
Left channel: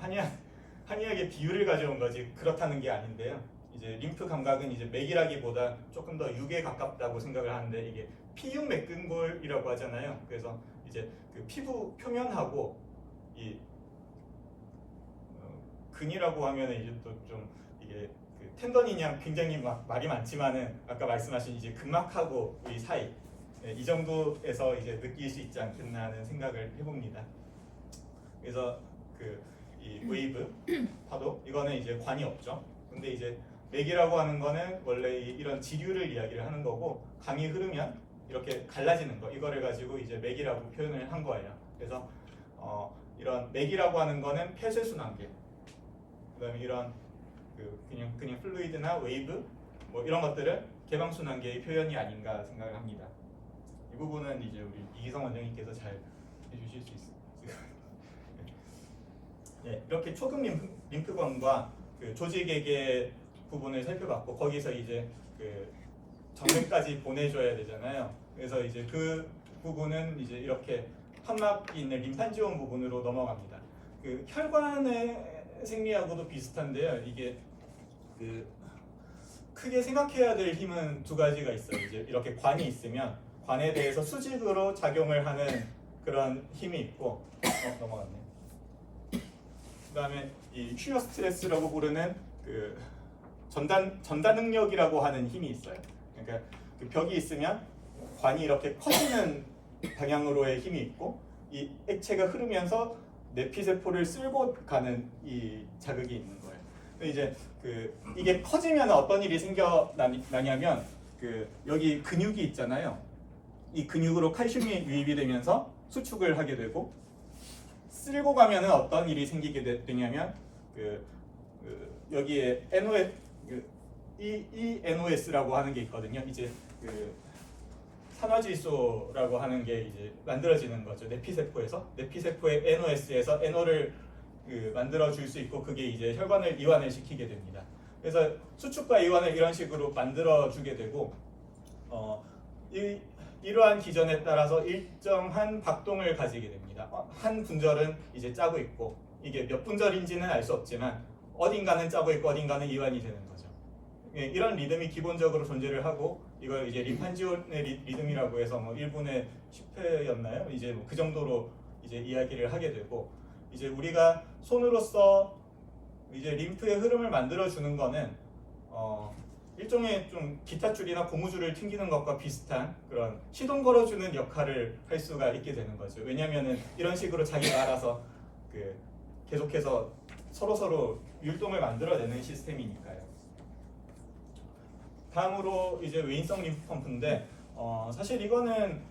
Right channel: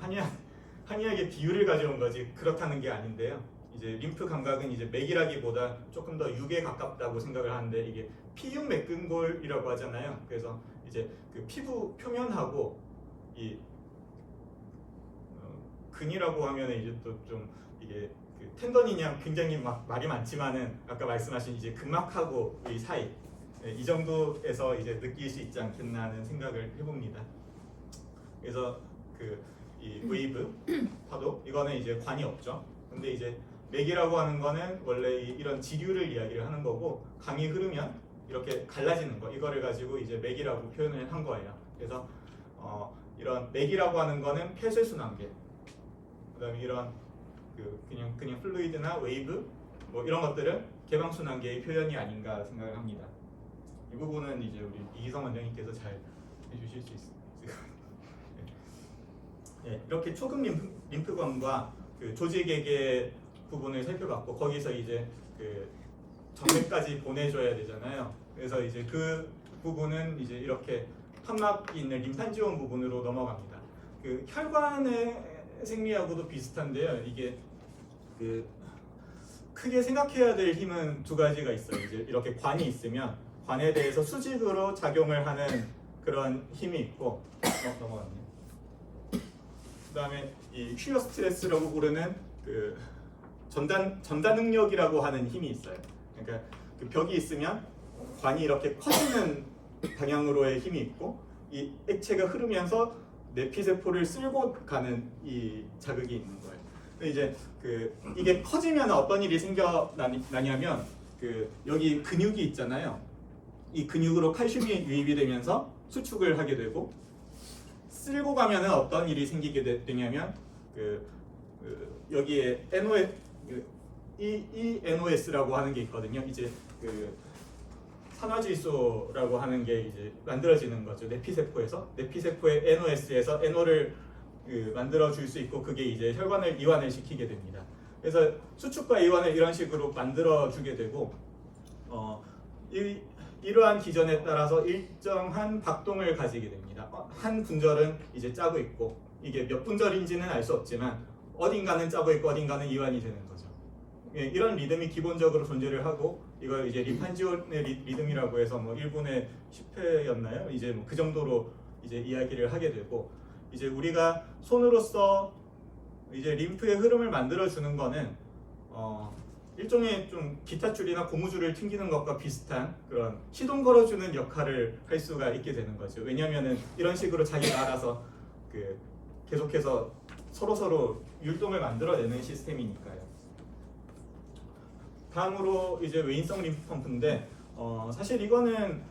한의학의 비유를 가져온 거지 그렇다는 게 아닌데요. 이제 림프 감각은 이제 맥이라기보다 조금 더 육에 가깝다고 생각을 하는데 이게 피육 맥근골이라고 하잖아요. 그래서 이제 그 피부 표면하고 이 근이라고 하면은 이제 또 좀 이게 그 텐더니냐 굉장히 막 말이 많지만은 아까 말씀하신 이제 근막하고의 사이 이 정도에서 이제 느낄 수 있지 않겠나 하는 생각을 해봅니다. 그래서 그 이 웨이브 파도 이거는 이제 관이 없죠. 근데 이제 맥이라고 하는 거는 원래 이런 지류를 이야기를 하는 거고 강이 흐르면 이렇게 갈라지는 거 이거를 가지고 이제 맥이라고 표현을 한 거예요. 그래서 이런 맥이라고 하는 거는 폐쇄순환계 그다음에 이런 그 그냥 플루이드나 웨이브 뭐 이런 것들은 개방순환계의 표현이 아닌가 생각을 합니다. 이 부분은 이제 우리 이기성 원장님께서 잘 해주실 수 있습니다. 네, 이렇게 초급 림프관과 그 조직액의 부분을 살펴봤고 거기서 이제 그 정맥까지 보내줘야 되잖아요. 그래서 이제 그 부분은 이제 이렇게 판막이 있는 림판지온 부분으로 넘어갑니다. 그 혈관의 생리하고도 비슷한데요. 이게 그 크게 생각해야 될 힘은 두 가지가 있어요. 이제 이렇게 관이 있으면 관에 대해서 수직으로 작용을 하는 그런 힘이 있고 넘어갔네. 그다음에 이 슈어 스트레스라고 부르는 그 전달 능력이라고 하는 힘이 있어요. 그러니까 그 벽이 있으면 관이 이렇게 커지는 방향으로의 힘이 있고 이 액체가 흐르면서 내피세포를 쓸고 가는 이 자극이 있는 거예요. 이제 그 이게 커지면 어떤 일이 생겨나냐면 그 여기 근육이 있잖아요. 이 근육으로 칼슘이 유입이 되면서 수축을 하게 되고 쓸고 가면은 어떤 일이 생기게 되냐면 여기에 NOS라고 하는 게 있거든요. 이제 그 산화질소라고 하는 게 이제 만들어지는 거죠. 내피세포에서 내피세포의 NOS에서 NO를 만들어 줄 수 있고 그게 이제 혈관을 이완을 시키게 됩니다. 그래서 수축과 이완을 이런 식으로 만들어 주게 되고 이러한 기전에 따라서 일정한 박동을 가지게 됩니다. 한 분절은 이제 짜고 있고 이게 몇 분절인지는 알 수 없지만 어딘가는 짜고 있고 어딘가는 이완이 되는 거죠. 이런 리듬이 기본적으로 존재를 하고 이걸 이제 림판지온의 리듬이라고 해서 뭐 1분에 10회였나요? 이제 뭐 그 정도로 이제 이야기를 하게 되고 이제 우리가 손으로서 이제 림프의 흐름을 만들어 주는 거는 일종의 좀 기타줄이나 고무줄을 튕기는 것과 비슷한 그런 시동 걸어주는 역할을 할 수가 있게 되는 거죠. 왜냐하면은 이런 식으로 자기가 알아서 계속해서 서로 율동을 만들어내는 시스템이니까요. 다음으로 이제 외인성 림프 펌프인데 사실 이거는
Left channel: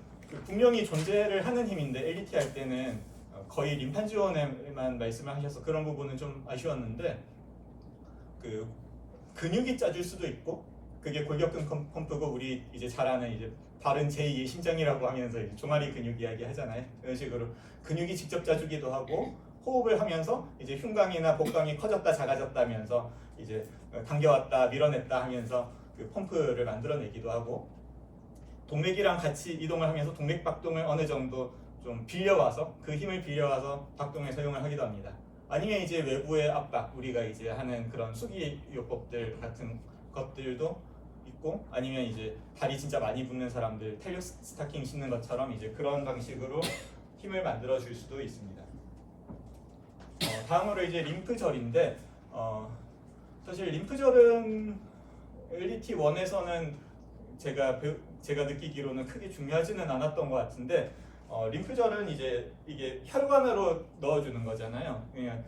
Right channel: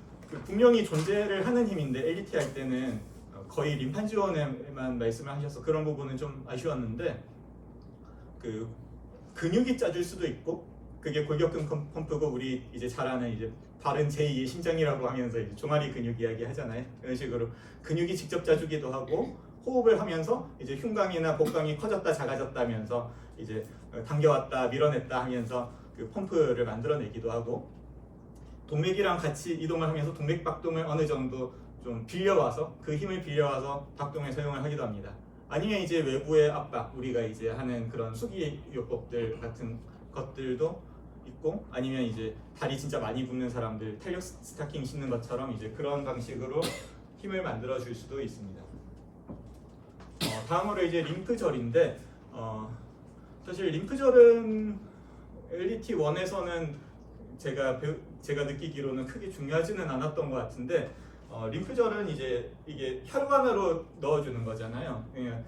분명히 존재를 하는 힘인데 LDT 할 때는 거의 림판 지원에만 말씀을 하셔서 그런 부분은 좀 아쉬웠는데 근육이 짜줄 수도 있고 그게 골격근 펌프고 우리 이제 잘 아는 이제 바른 제2의 심장이라고 하면서 이제 종아리 근육 이야기 하잖아요. 이런 식으로 근육이 직접 짜주기도 하고 호흡을 하면서 이제 흉곽이나 복강이 커졌다 작아졌다 하면서 이제 당겨왔다 밀어냈다 하면서 그 펌프를 만들어내기도 하고 동맥이랑 같이 이동을 하면서 동맥 박동을 어느 정도 좀 빌려와서 그 힘을 빌려와서 박동에 사용을 하기도 합니다. 아니면 이제 외부의 압박 우리가 이제 하는 그런 수기요법들 같은 것들도 있고 아니면 이제 다리 진짜 많이 붓는 사람들 탄력 스타킹 신는 것처럼 이제 그런 방식으로 힘을 만들어 줄 수도 있습니다. 다음으로 이제 림프절인데 사실 림프절은 LDT1에서는 제가 느끼기로는 크게 중요하지는 않았던 것 같은데 림프절은 이제 이게 혈관으로 넣어주는 거잖아요. 그냥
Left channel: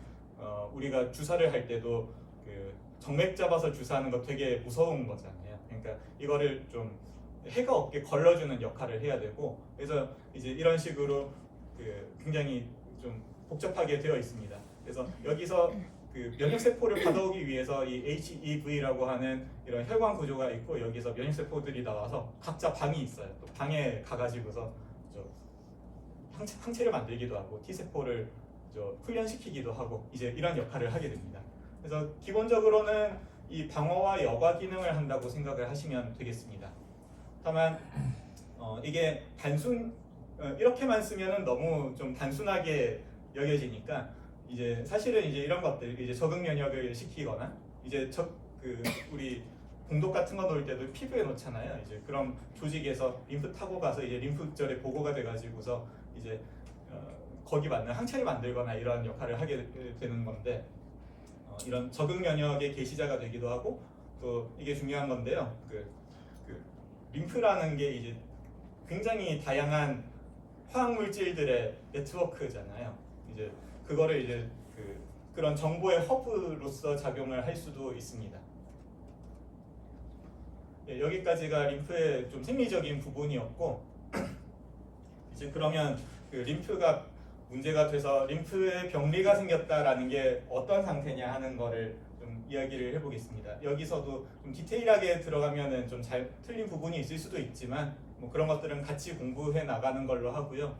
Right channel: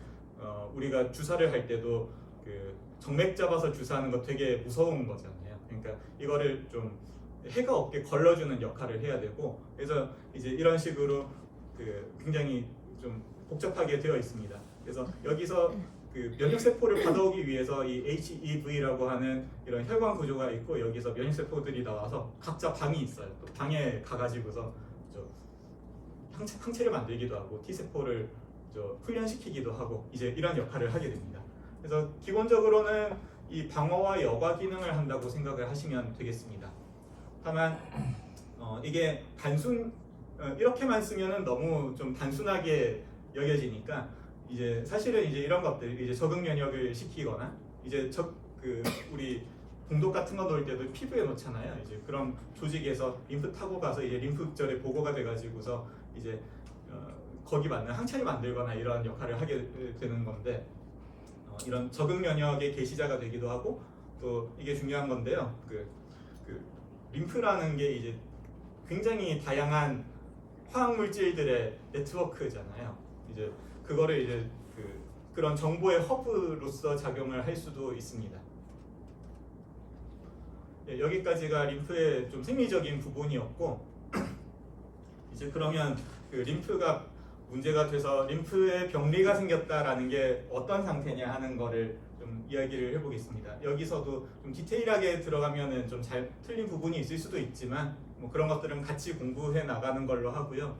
우리가 주사를 할 때도 그 정맥 잡아서 주사하는 거 되게 무서운 거잖아요. 그러니까 이거를 좀 해가 없게 걸러주는 역할을 해야 되고 그래서 이제 이런 식으로 굉장히 좀 복잡하게 되어 있습니다. 그래서 여기서 그 면역세포를 받아오기 위해서 이 HEV라고 하는 이런 혈관 구조가 있고 여기서 면역세포들이 나와서 각자 방이 있어요. 또 방에 가가지고서 항체를 만들기도 하고 T세포를 훈련시키기도 하고 이제 이런 역할을 하게 됩니다. 그래서 기본적으로는 이 방어와 여과 기능을 한다고 생각을 하시면 되겠습니다. 다만 이게 이렇게만 쓰면은 너무 좀 단순하게 여겨지니까 이제 사실은 이제 이런 것들 이제 적응 면역을 시키거나 이제 우리 공독 같은 거 놓을 때도 피부에 놓잖아요. 이제 그럼 조직에서 림프 타고 가서 이제 림프절에 보고가 돼가지고서 이제 거기 맞는 항체를 만들거나 이런 역할을 하게 되는 건데 이런 적응 면역의 계시자가 되기도 하고 또 이게 중요한 건데요. 림프라는 게 이제 굉장히 다양한 화학 물질들의 네트워크잖아요. 이제 그거를 이제 그런 정보의 허브로서 작용을 할 수도 있습니다. 예, 여기까지가 림프의 좀 생리적인 부분이었고 이제 그러면 림프가 문제가 돼서 림프에 병리가 생겼다라는 게 어떤 상태냐 하는 거를 좀 이야기를 해보겠습니다. 여기서도 좀 디테일하게 들어가면은 좀 잘 틀린 부분이 있을 수도 있지만 뭐 그런 것들은 같이 공부해 나가는 걸로 하고요.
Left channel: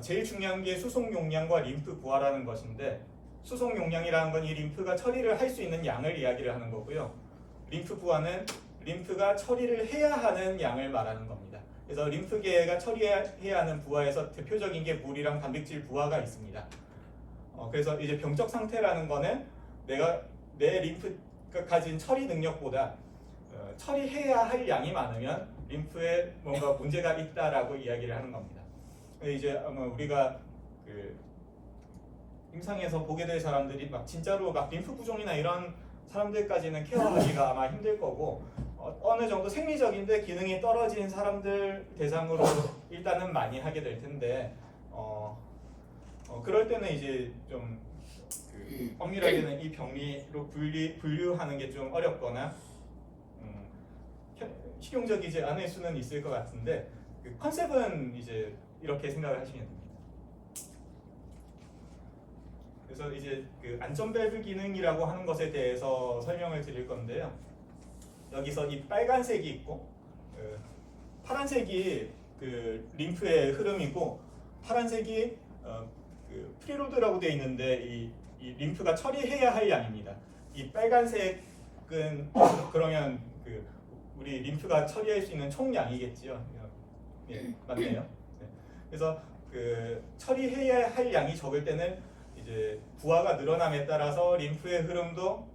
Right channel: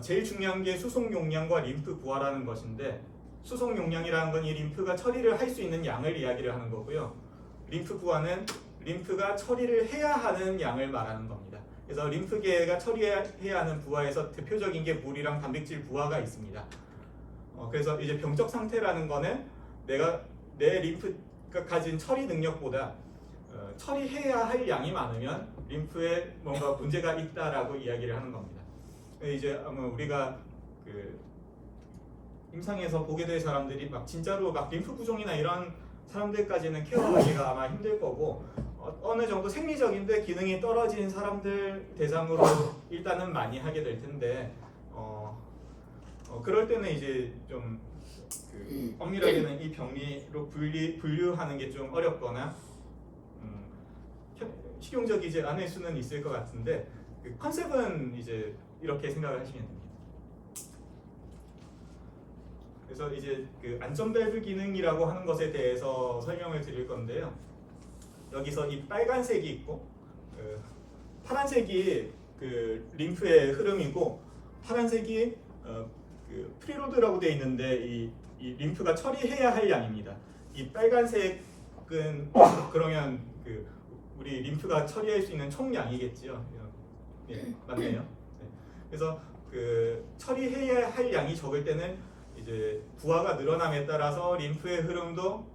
제일 중요한 게 수송 용량과 림프 부하라는 것인데 수송 용량이라는 건 이 림프가 처리를 할 수 있는 양을 이야기를 하는 거고요. 림프 부하는 림프가 처리를 해야 하는 양을 말하는 겁니다. 그래서 림프계가 처리해야 하는 부하에서 대표적인 게 물이랑 단백질 부하가 있습니다. 그래서 이제 병적 상태라는 거는 내 림프가 가진 처리 능력보다 처리해야 할 양이 많으면 림프에 뭔가 문제가 있다라고 이야기를 하는 겁니다. 이제 우리가 임상에서 보게 될 사람들이 막 진짜로 막 림프 부종이나 이런 사람들까지는 케어하기가 아마 힘들 거고 어느 정도 생리적인데 기능이 떨어진 사람들 대상으로 일단은 많이 하게 될 텐데 그럴 때는 이제 좀 엄밀하게는 이 병리로 분류하는 게 좀 어렵거나 실용적이지 않을 수는 있을 것 같은데 컨셉은 이제 이렇게 생각을 하시면 됩니다. 그래서 이제 그 안전 밸브 기능이라고 하는 것에 대해서 설명을 드릴 건데요. 여기서 이 빨간색이 있고 파란색이 그 림프의 흐름이고 파란색이 그 프리로드라고 되어 있는데 이 림프가 처리해야 할 양입니다. 이 빨간색은 그러면 그 우리 림프가 처리할 수 있는 총량이겠지요. 예, 맞네요. 네. 그래서 그 처리해야 할 양이 적을 때는 이제 부하가 늘어남에 따라서 림프의 흐름도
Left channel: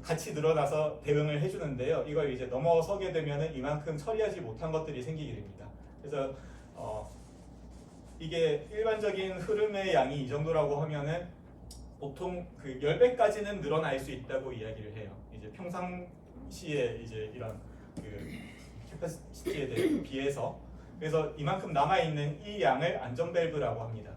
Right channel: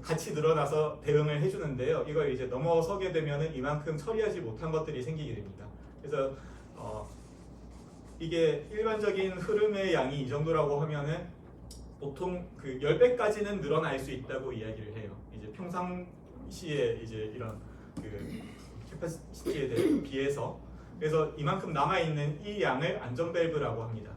같이 늘어나서 대응을 해주는데요. 이걸 이제 넘어서게 되면은 이만큼 처리하지 못한 것들이 생기게 됩니다. 그래서 이게 일반적인 흐름의 양이 이 정도라고 하면은 보통 그 10배까지는 늘어날 수 있다고 이야기를 해요. 이제 평상시에 이제 이런 그 캐파시티에 비해서. 그래서 이만큼 남아 있는 이 양을 안전 밸브라고 합니다.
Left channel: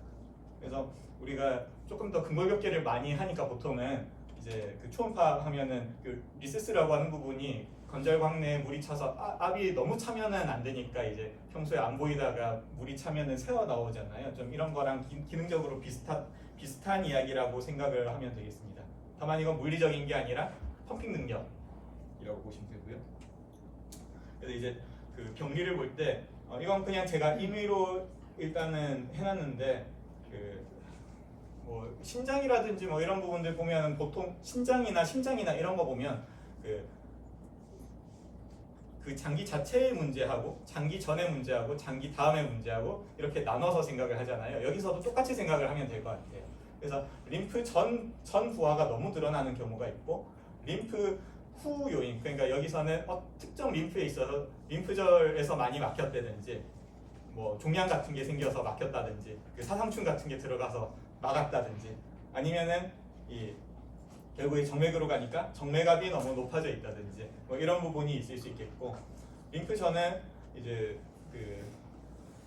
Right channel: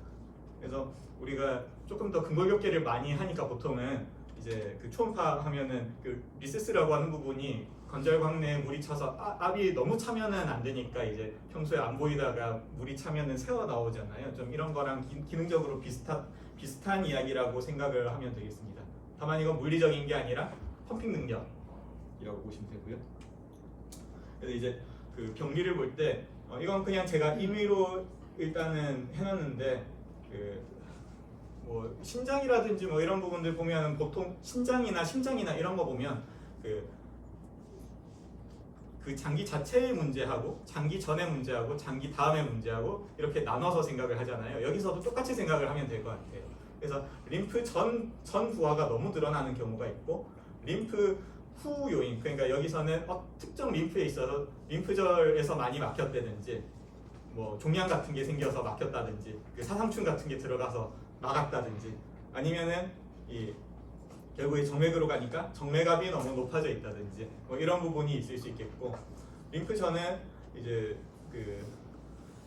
그래서 우리가 조금 더 근골격계를 많이 하니까 보통은 이제 그 초음파 하면은 그 리세스라고 하는 부분이 건절광 내에 물이 차서 압이 너무 차면은 안 되니까 이제 평소에 안 보이다가 물이 차면은 새어 나오잖아요. 좀 이런 거랑 기능적으로 비슷한 이야기라고 생각을 하면 되겠습니다. 다만 이건 물리적인 게 아니라 펌핑 능력이라고 보시면 되고요. 그래서 이제 그 경리를 볼 때 이건 그냥 제가 임의로 일단은 해놨는데 그 뭐 신장이라든지 뭐 이런 부분들 보면 보통 신장이나 심장이나 이런 거 보면 그 장기 자체의 문제하고 장기 전의 문제하고 장기 다음의 문제하고 이렇게 나눠서 생각을 하잖아요. 여기서도 똑같이 생각을 하면 될 것 같아요. 그래서 림프 전 부하가 너무 늘어나는 경우가 있고 림프 후 요인, 그러니까 여기서는 특정 림프에 있어서 림프절에서 많이 막혔다든지 뭐 종양 같은 게 생겨서 막혔다든지 그 사상충 같은 게 들어가서 막았다든지 아니면은 결국에 정맥으로 가니까 정맥압이 너무 높아져 있다든지 뭐 이런 부분이 있을 수 있겠고, 림프전은 이제 그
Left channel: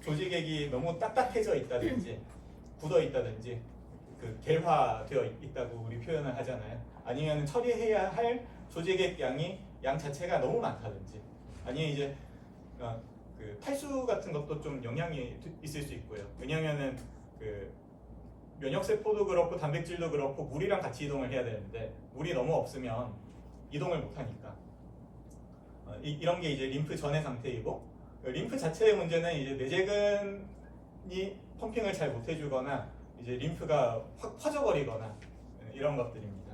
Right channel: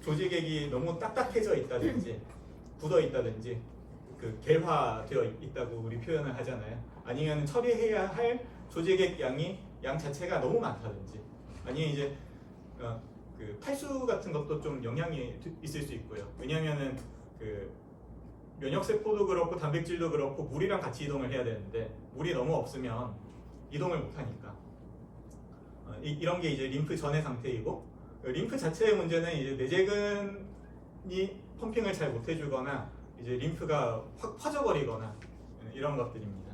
조직액이 너무 딱딱해져 있다든지 굳어 있다든지 그 결화되어 있다고 우리 표현을 하잖아요. 아니면 처리해야 할 조직액 양 자체가 너무 많다든지 아니면 이제 그 탈수 같은 것도 좀 영향이 있을 수 있고요. 왜냐면은 그 면역세포도 그렇고 단백질도 그렇고 물이랑 같이 이동을 해야 되는데 물이 너무 없으면 이동을 못하니까 이런 게 이제 림프 전의 상태이고, 림프 자체의 문제는 이제 내재근이 펌핑을 잘 못해주거나 이제 림프가 확 퍼져버리거나 이런 것들입니다.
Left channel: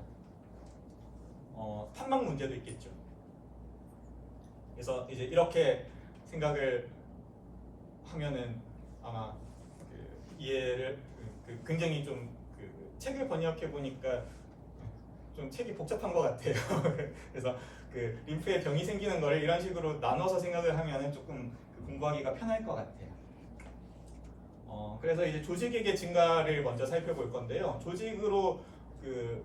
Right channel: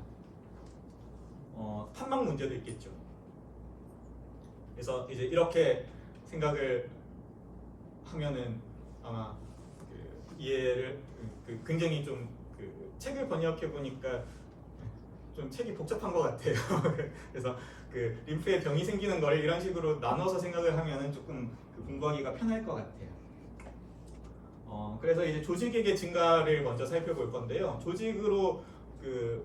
판막 문제도 있겠죠. 그래서 이제 이렇게 생각을 하면은 아마 그 이해를 굉장히 좀 그 책을 번역해 보니까 좀 책이 복잡한 것 같아요. 그래서 그 림프에 병이 생기는 걸 이런 식으로 나눠서 생각을 하면은 조금 공부하기가 편할 것 같아요. 그래서 이제 조직액의 증가를 먼저 살펴볼 건데요. 조직으로 그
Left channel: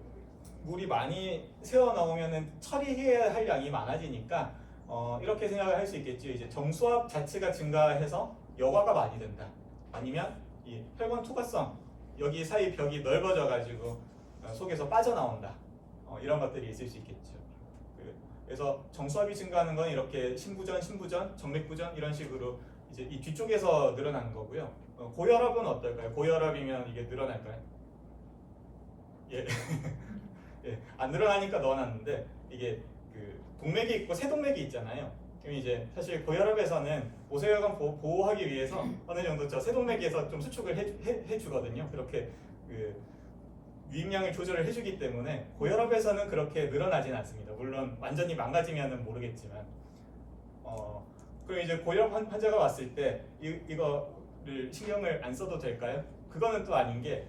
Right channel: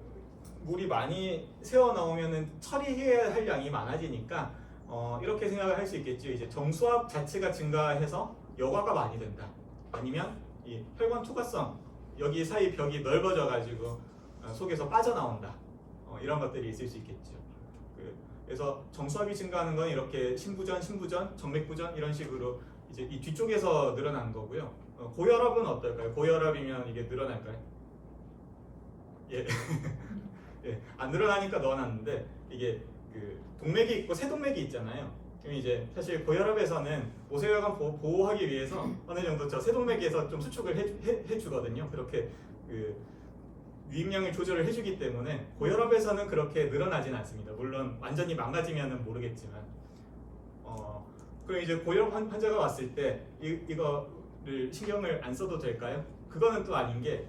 물이 많이 새어 나오면은 처리해야 할 양이 많아지니까 이렇게 생각을 할 수 있겠죠. 이제 정수압 자체가 증가해서 여과가 많이 된다. 아니면 이 혈관 투과성, 여기 사이 벽이 넓어져 가지고 속에서 빠져나온다. 이런 것들이 있을 수 있겠죠. 그래서 정수압이 증가하는 건 이렇게 심부전, 정맥부전 이런 식으로 이제 이 뒤쪽에서 늘어나는 거고요. 고혈압은 어떨까요? 고혈압이면 이게 늘어날까요? 예. 예, 안 늘어나니까 넣어놨는데 이게 그 동맥이 있고 세동맥이 있잖아요. 그럼 이제 사실 고혈압에서는 모세혈관 보호하기 위해서 어느 정도 저 세동맥에서 좀 수축을 해주거든요. 그렇게 그 유입량을 조절을 해주기 때문에 고혈압에서는 그렇게 늘어나진 않습니다. 물론 완전히 망가지면은 모르겠지만, 그럼 이제 고혈압 환자가 왔을 때 이거를 신경을 안 써도 될까요? 그거는 또 아닌 게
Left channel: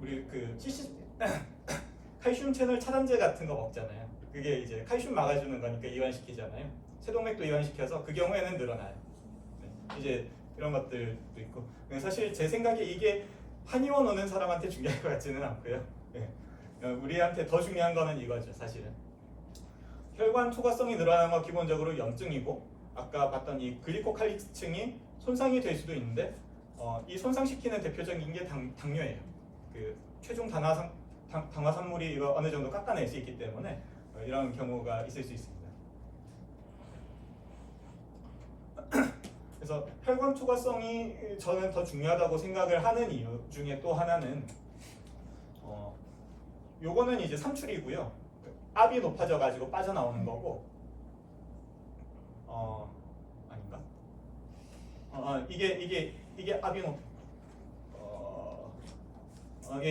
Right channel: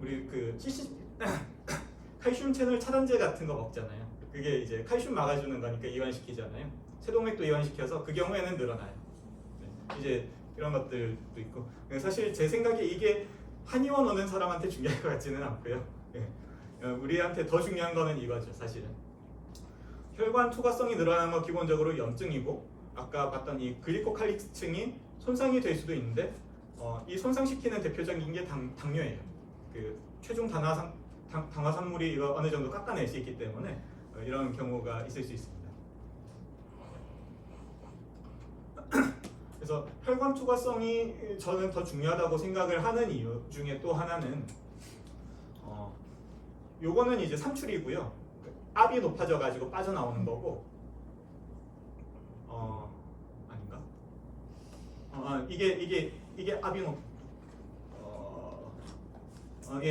우리 칼슘 채널 차단제 같은 거 먹잖아요. 그게 이제 칼슘 막아주는 거니까 이완시키잖아요. 세동맥도 이완시켜서 그 경우에는 늘어나요. 네. 이제 이런 것들도 있고, 사실 제 생각에 이게 한의원 오는 사람한테 중요할 것 같지는 않고요. 네. 우리한테 더 중요한 거는 이거죠, 사실은. 혈관 투과성이 늘어나는 건 기본적으로 염증이고, 아까 봤던 이 글리코칼릭스층이 손상이 될 수도 있는데, 이 손상시키는 대표적인 게 당뇨예요. 그 최종 당화산물이 이거 어느 정도 깎아낼 수 있기 때문에 이런 경우가 있을 수 있습니다. 그래서 혈관 투과성이 저는 더 중요하다고 생각을 하는 이유 중에 또 하나는 요거는 이제 삼출이고요. 압이 높아져 가지고 빠져나오는 거고, 아닌가? 이게 압이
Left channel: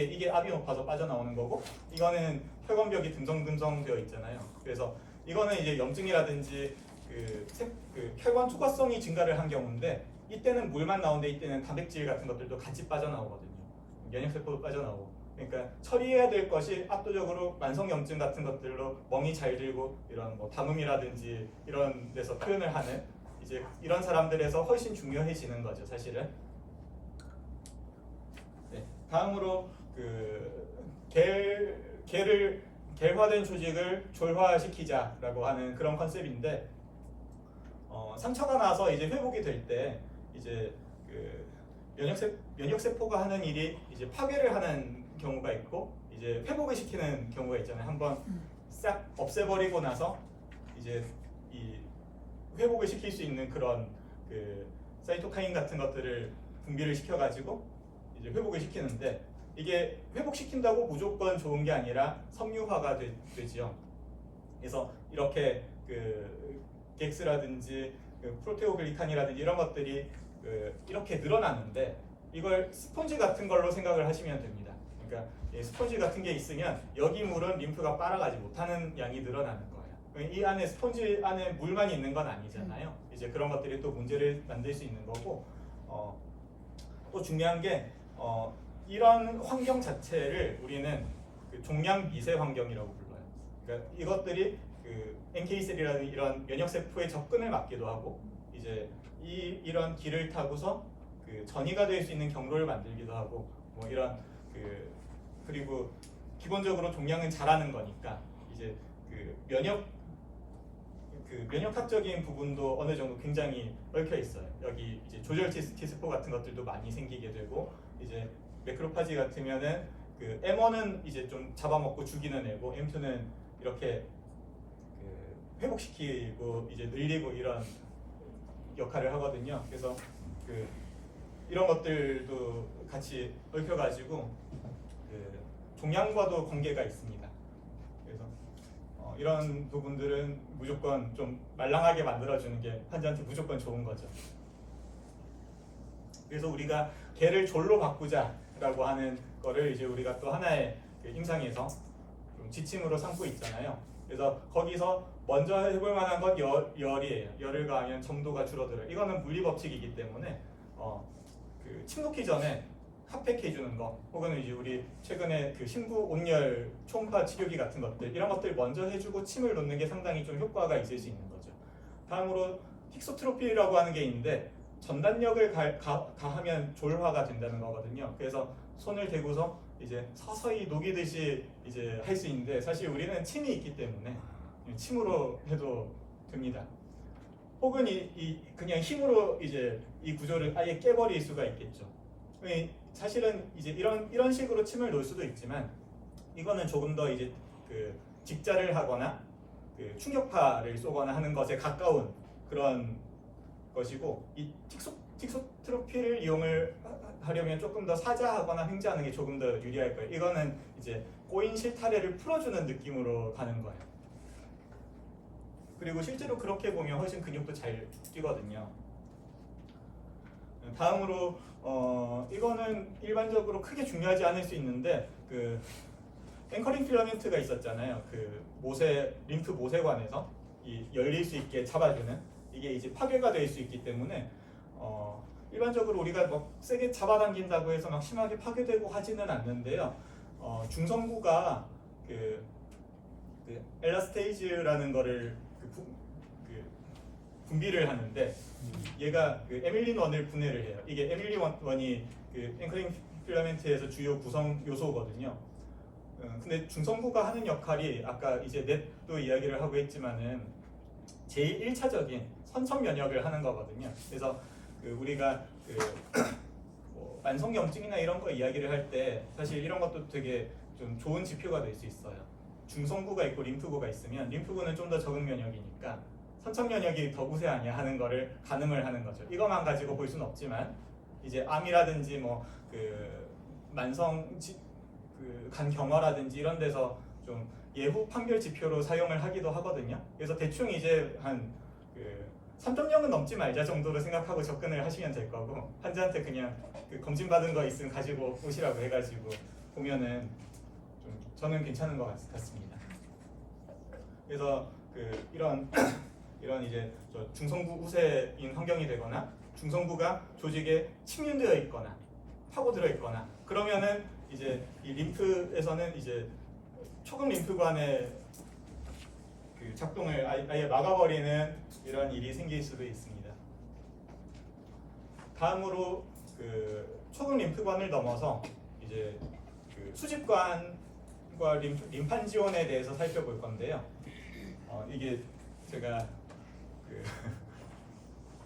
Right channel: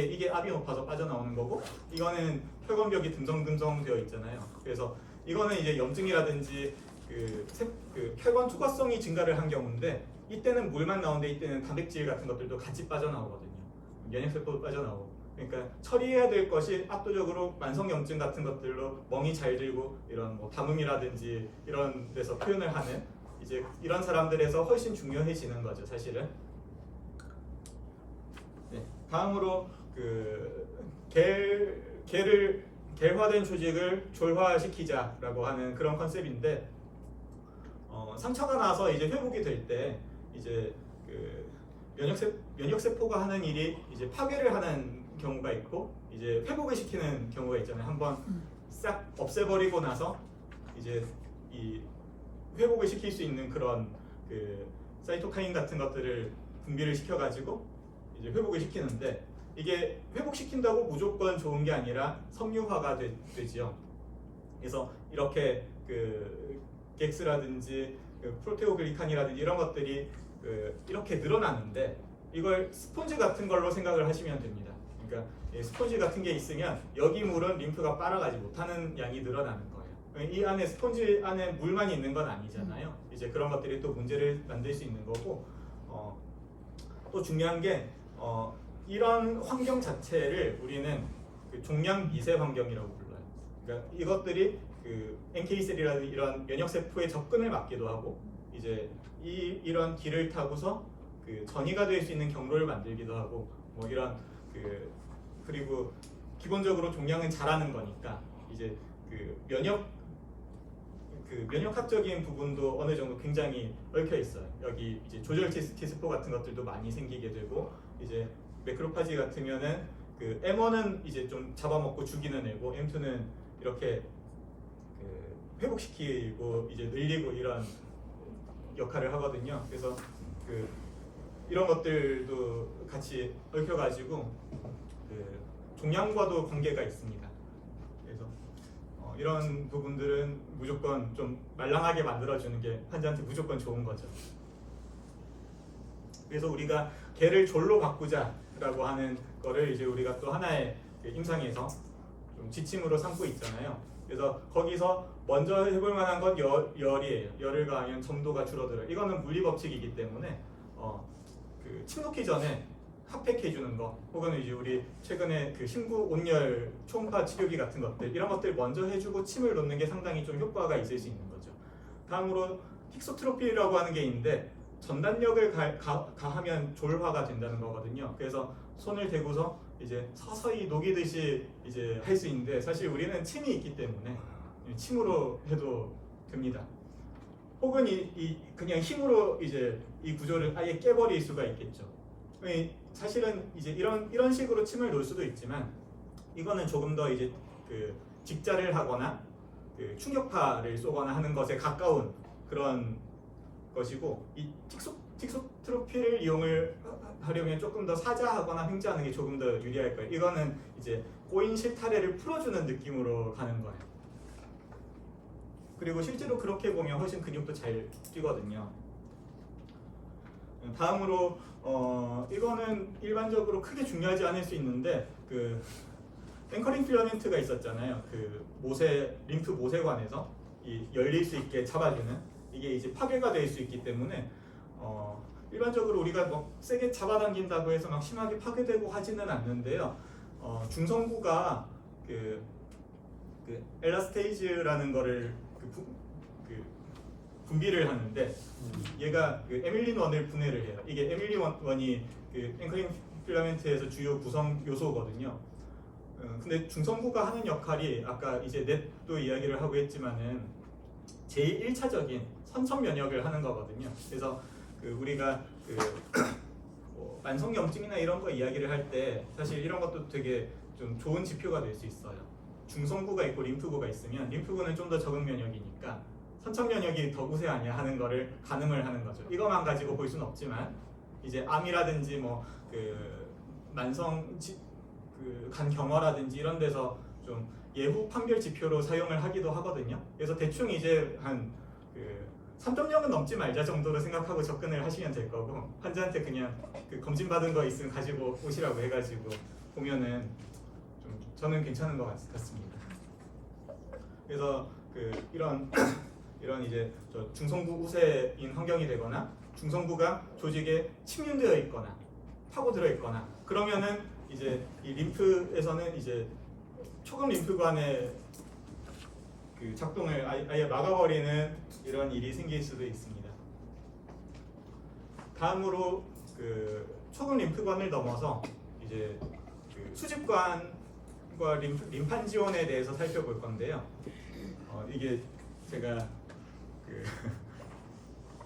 이게 압이 높아서 빠져나오는 거고, 이거는 혈관벽이 듬성듬성 되어 있잖아요. 그래서 이거는 이제 염증이라든지 그 혈관 투과성이 증가를 한 경우인데, 이때는 물만 나오는데 이때는 단백질 같은 것들도 같이 빠져나오거든요. 면역세포도 빠져나오고. 그러니까 처리해야 될 것이 압도적으로 만성염증 같은 것들로 멍이 잘 들고 이런 뭐 담음이라든지 이런 데서 표현을 하는 이제 이런 사람들에서 훨씬 중요해지는 거죠, 사실은. 네, 다음으로 겔화된 조직을 졸화시키자라고 하는 그런 컨셉인데, 상처가 나서 이제 회복이 될 때 이제 면역세포가 하는 일이 이제 파괴를 하는 경우가 있고 이제 회복을 시키는 경우가 있잖아요. 한번 싹 없애버리고 나서 이제 이 회복을 시킬 수 있는 그런 사이토카인 같은 것들을 분비를 시켜가지고 이제 회복을 시키는데, 이게 회복시킨다고 무조건 좋은 게 아니라 섬유화가 되지요. 그래서 이렇게 객스라든지 프로테오글리칸이라든지 이런 것들이 이렇게 늘어나는데, 이걸 스폰지 같은 걸로 생각을 하시면 됩니다. 그러니까 스폰지 같은 게 있으면 여기 물은 림프가 빨아가지 못하는 양이 늘어나는 거예요. 이 안에 스폰지 안에 물만 있는 건 아니잖아요. 이제 그런 것들이 또 문제를 만들 수 있는 거고, 또 중요한 게 이런 환경 자체를 우리는 종양 미세 환경이라고 불러요. 그러니까 이것들이 NK 셀이라는 이런 면역 세포의 접근을 막기도 하고, 이제 이런 길을 타고서 전이가 될 수 있는 경로를 만들기도 하고, 뭐 이런 그리고 기본적으로 종양은 자라는 거니까 이제 면역학적인 부분도 어느 정도 굉장히 얽혀 있어요. 여기 이제 조절체 T세포 같은 것들도 많이 생기게 되고, 이제 매크로파지 같으면은 M1은 이제 좀 잡아먹고 죽이는 애고, M2는 이렇게 회복시키고 이제 늘리고 이런 역할을 하거든요. 그래서 이런 것들도 같이 얽혀가지고 종양과도 관계가 있습니다. 그래서 이런 부분들은 무조건 좀 말랑하게 만들어주는 게 환자한테 무조건 좋은 거죠. 그래서 우리가 개를 졸로 바꾸자라고 하는 거를 이제 우리가 또 하나의 임상에서 좀 지침으로 삼고 있잖아요. 그래서 거기서 먼저 해볼 만한 건 열이에요. 열을 가하면 점도가 줄어들어요. 이거는 물리 법칙이기 때문에 침 놓기 전에 핫팩 해주는 거, 혹은 이제 우리 최근에 심부 온열 초음파 치료기 같은 것들, 이런 것들 먼저 해주고 침을 놓는 게 상당히 좀 효과가 있을 수 있는 거죠. 다음으로 힉소트로피라고 하는 게 있는데, 전단력을 가하면 졸화가 된다는 거거든요. 그래서 손을 대고서 이제 서서히 녹이듯이 이제 할 수 있는데, 사실 우리는 침이 있기 때문에 침으로 해도 됩니다. 혹은 그냥 힘으로 이제 이 구조를 아예 깨버릴 수가 있겠죠. 사실은 이제 이런 식으로 침을 놓을 수도 있지만, 이거는 조금 더 이제 직자를 하거나 충격파를 쏘거나 하는 것에 가까운 그런 것이고, 이 틱소트로피를 이용을 하려면 조금 더 사자하거나 횡재하는 게 조금 더 유리할 거예요. 이거는 이제 꼬인 실타래를 풀어주는 느낌으로 가는 거예요. 그리고 실제로 그렇게 보면 훨씬 근육도 잘 뛰거든요. 다음으로 이거는 일반적으로 크게 중요하지 않을 수 있는데, 앵커링 필라멘트가 있었잖아요. 림프 모세관에서 열릴 수 있게 잡아주는, 이게 이제 파괴가 될 수 있기 때문에 일반적으로 우리가 뭐 세게 잡아당긴다고 해서 막 심하게 파괴되고 하지는 않는데요. 중성구가 엘라스테이즈라는 거를 분비를 하는데, 얘가 에밀린1을 분해를 해요. 이게 에밀린1이 앵커링 필라멘트에서 주요 구성 요소거든요. 근데 중성구가 하는 역할이 아까 이제 넷도 이야기를 하고 했지만은 제일 1차적인 선천 면역을 하는 거거든요. 그래서 우리가 뭐 만성염증이나 이런 거 이야기를 할 때 사실 이런 것도 되게 좀 좋은 지표가 될 수 있어요. 중성구가 있고 림프구가 있으면 림프구는 좀 더 적은 면역이니까 선천 면역이 더 우세하냐 하는 거를 가늠을 하는 거죠. 이것만 가지고 볼 수는 없지만, 이제 암이라든지 뭐 만성 그 간경화라든지 이런 데서 좀 예후 판별 지표로 사용을 하기도 하거든요. 그래서 대충 이제 한 그 3.0은 넘지 말자 정도로 생각하고 접근을 하시면 될 거고, 환자한테 그냥 그 검진 받은 거 있으면 가지고 오시라고 해가지고 보면은 좀 저는 괜찮은 것 같습니다. 그래서 그 이런 이제 저 중성부 우세인 환경이 되거나 중성부가 조직에 침륜되어 있거나 파고들어 있거나 그러면은 이제 이 림프에서는 이제 초급 림프관의 그 작동을 아예 막아버리는 이런 일이 생길 수도 있습니다. 다음으로 그 초급 림프관을 넘어서 이제 그 수집관과 림판 지원에 대해서 살펴볼 건데요. 이게 제가 그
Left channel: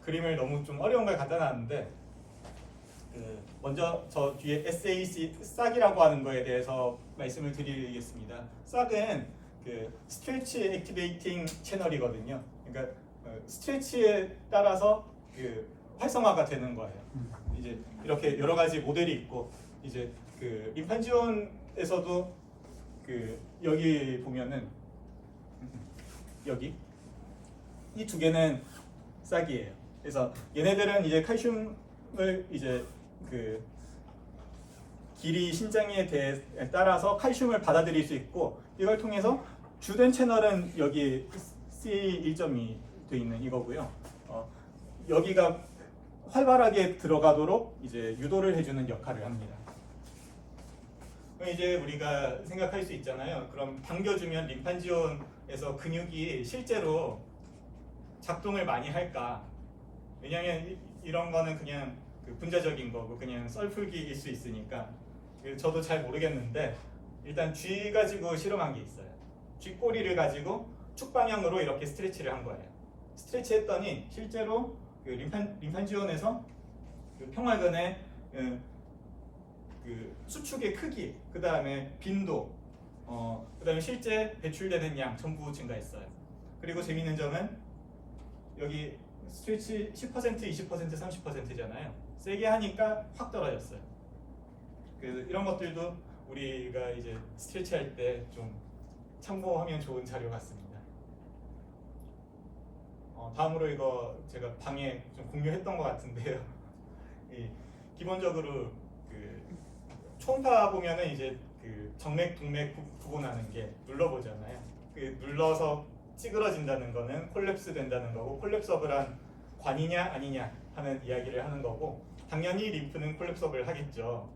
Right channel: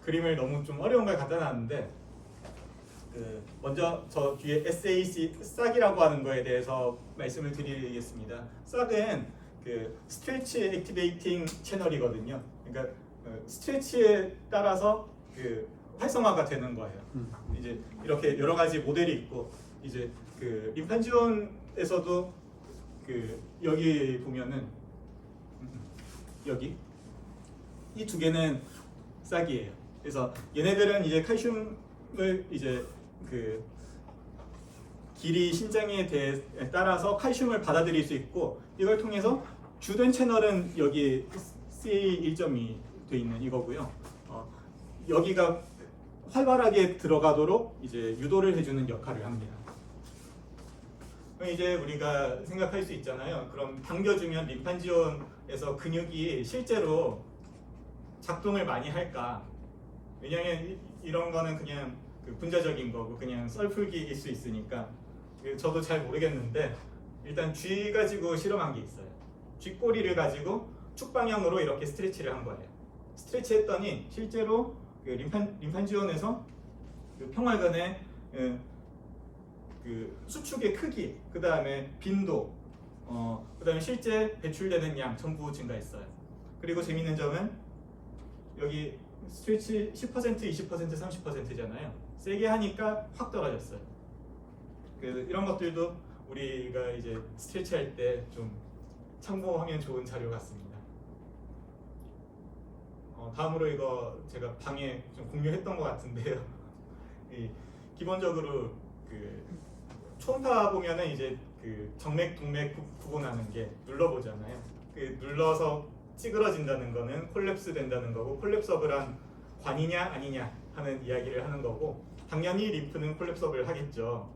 그림을 너무 좀 어려운 걸 갖다 놨는데, 그 먼저 저 뒤에 SAC 싹이라고 하는 거에 대해서 말씀을 드리겠습니다. 싹은 그 스트레치 액티베이팅 채널이거든요. 그러니까 스트레치에 따라서 그 활성화가 되는 거예요. 이제 이렇게 여러 가지 모델이 있고, 이제 그 림판 지원에서도 그 여기 보면은 여기 이 두 개는 싹이에요. 그래서 얘네들은 이제 칼슘을 이제 그 길이 신장에 따라서 칼슘을 받아들일 수 있고, 이걸 통해서 주된 채널은 여기 CA1.2 돼 있는 이거고요. 여기가 활발하게 들어가도록 이제 유도를 해주는 역할을 합니다. 그럼 이제 우리가 생각할 수 있잖아요. 그럼 당겨주면 림판 지원에서 근육이 실제로 작동을 많이 할까? 왜냐하면 이런 거는 그냥 그 분자적인 거고 그냥 썰풀기일 수 있으니까 저도 잘 모르겠는데, 일단 쥐 가지고 실험한 게 있어요. 쥐 꼬리를 가지고 축 방향으로 이렇게 스트레치를 한 거예요. 스트레치 했더니 실제로 그 림판 지원에서 그 평활근의 그 수축의 크기, 그 다음에 빈도, 그 다음에 실제 배출되는 양 전부 증가했어요. 그리고 재미있는 점은 여기 스트레치 10%, 20%, 30%잖아요. 세게 하니까 확 떨어졌어요. 그 이런 것들도 우리가 이제 스트레치 할 때 좀 참고하면 좋은 자료 같습니다. 다음으로 이거 제가 방에 좀 공유했던 것 같은데요. 기본적으로 그 초음파 보면은 이제 그 정맥, 동맥 구분하는 게 눌러보잖아요. 그 눌러서 찌그러진다는 거는 콜랩스 된다는 거고, 콜랩서블한 관이냐 아니냐 하는 이야기를 하는 거고, 당연히 림프는 콜랩서블 하겠죠.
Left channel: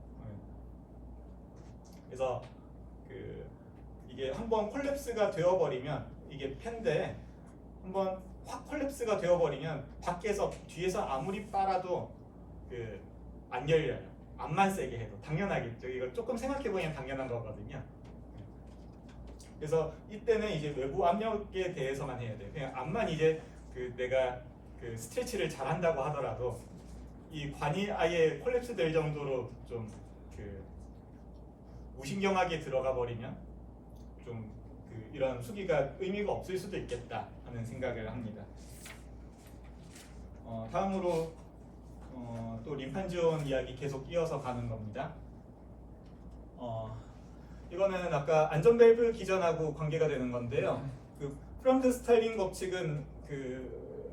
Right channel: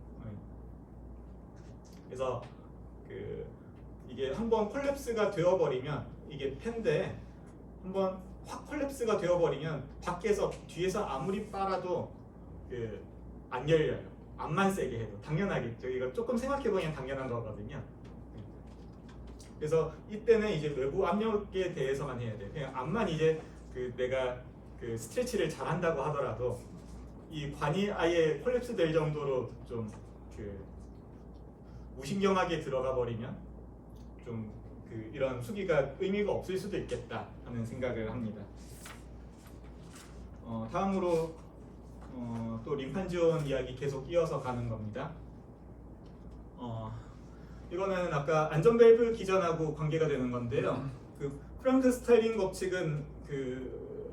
그래서 그 이게 한번 콜랩스가 되어버리면, 이게 팬데 한번 확 콜랩스가 되어버리면 밖에서 뒤에서 아무리 빨아도 그 안 열려요. 암만 세게 해도. 당연하겠죠. 이거 조금 생각해보면 당연한 거거든요. 그래서 이때는 이제 외부 압력에 대해서만 해야 돼. 그냥 암만 이제 그 내가 그 스트레치를 잘한다고 하더라도 이 관이 아예 콜랩스 될 정도로 좀 그 무신경하게 들어가 버리면 좀 그 이런 수기가 의미가 없을 수도 있겠다 하는 생각을 합니다. 다음으로 또 림판 지원 이야기 계속 이어서 가는 겁니다. 이거는 아까 안전 밸브 기전하고 관계가 되는 건데요. 그 프랑크 스타일링 법칙은 그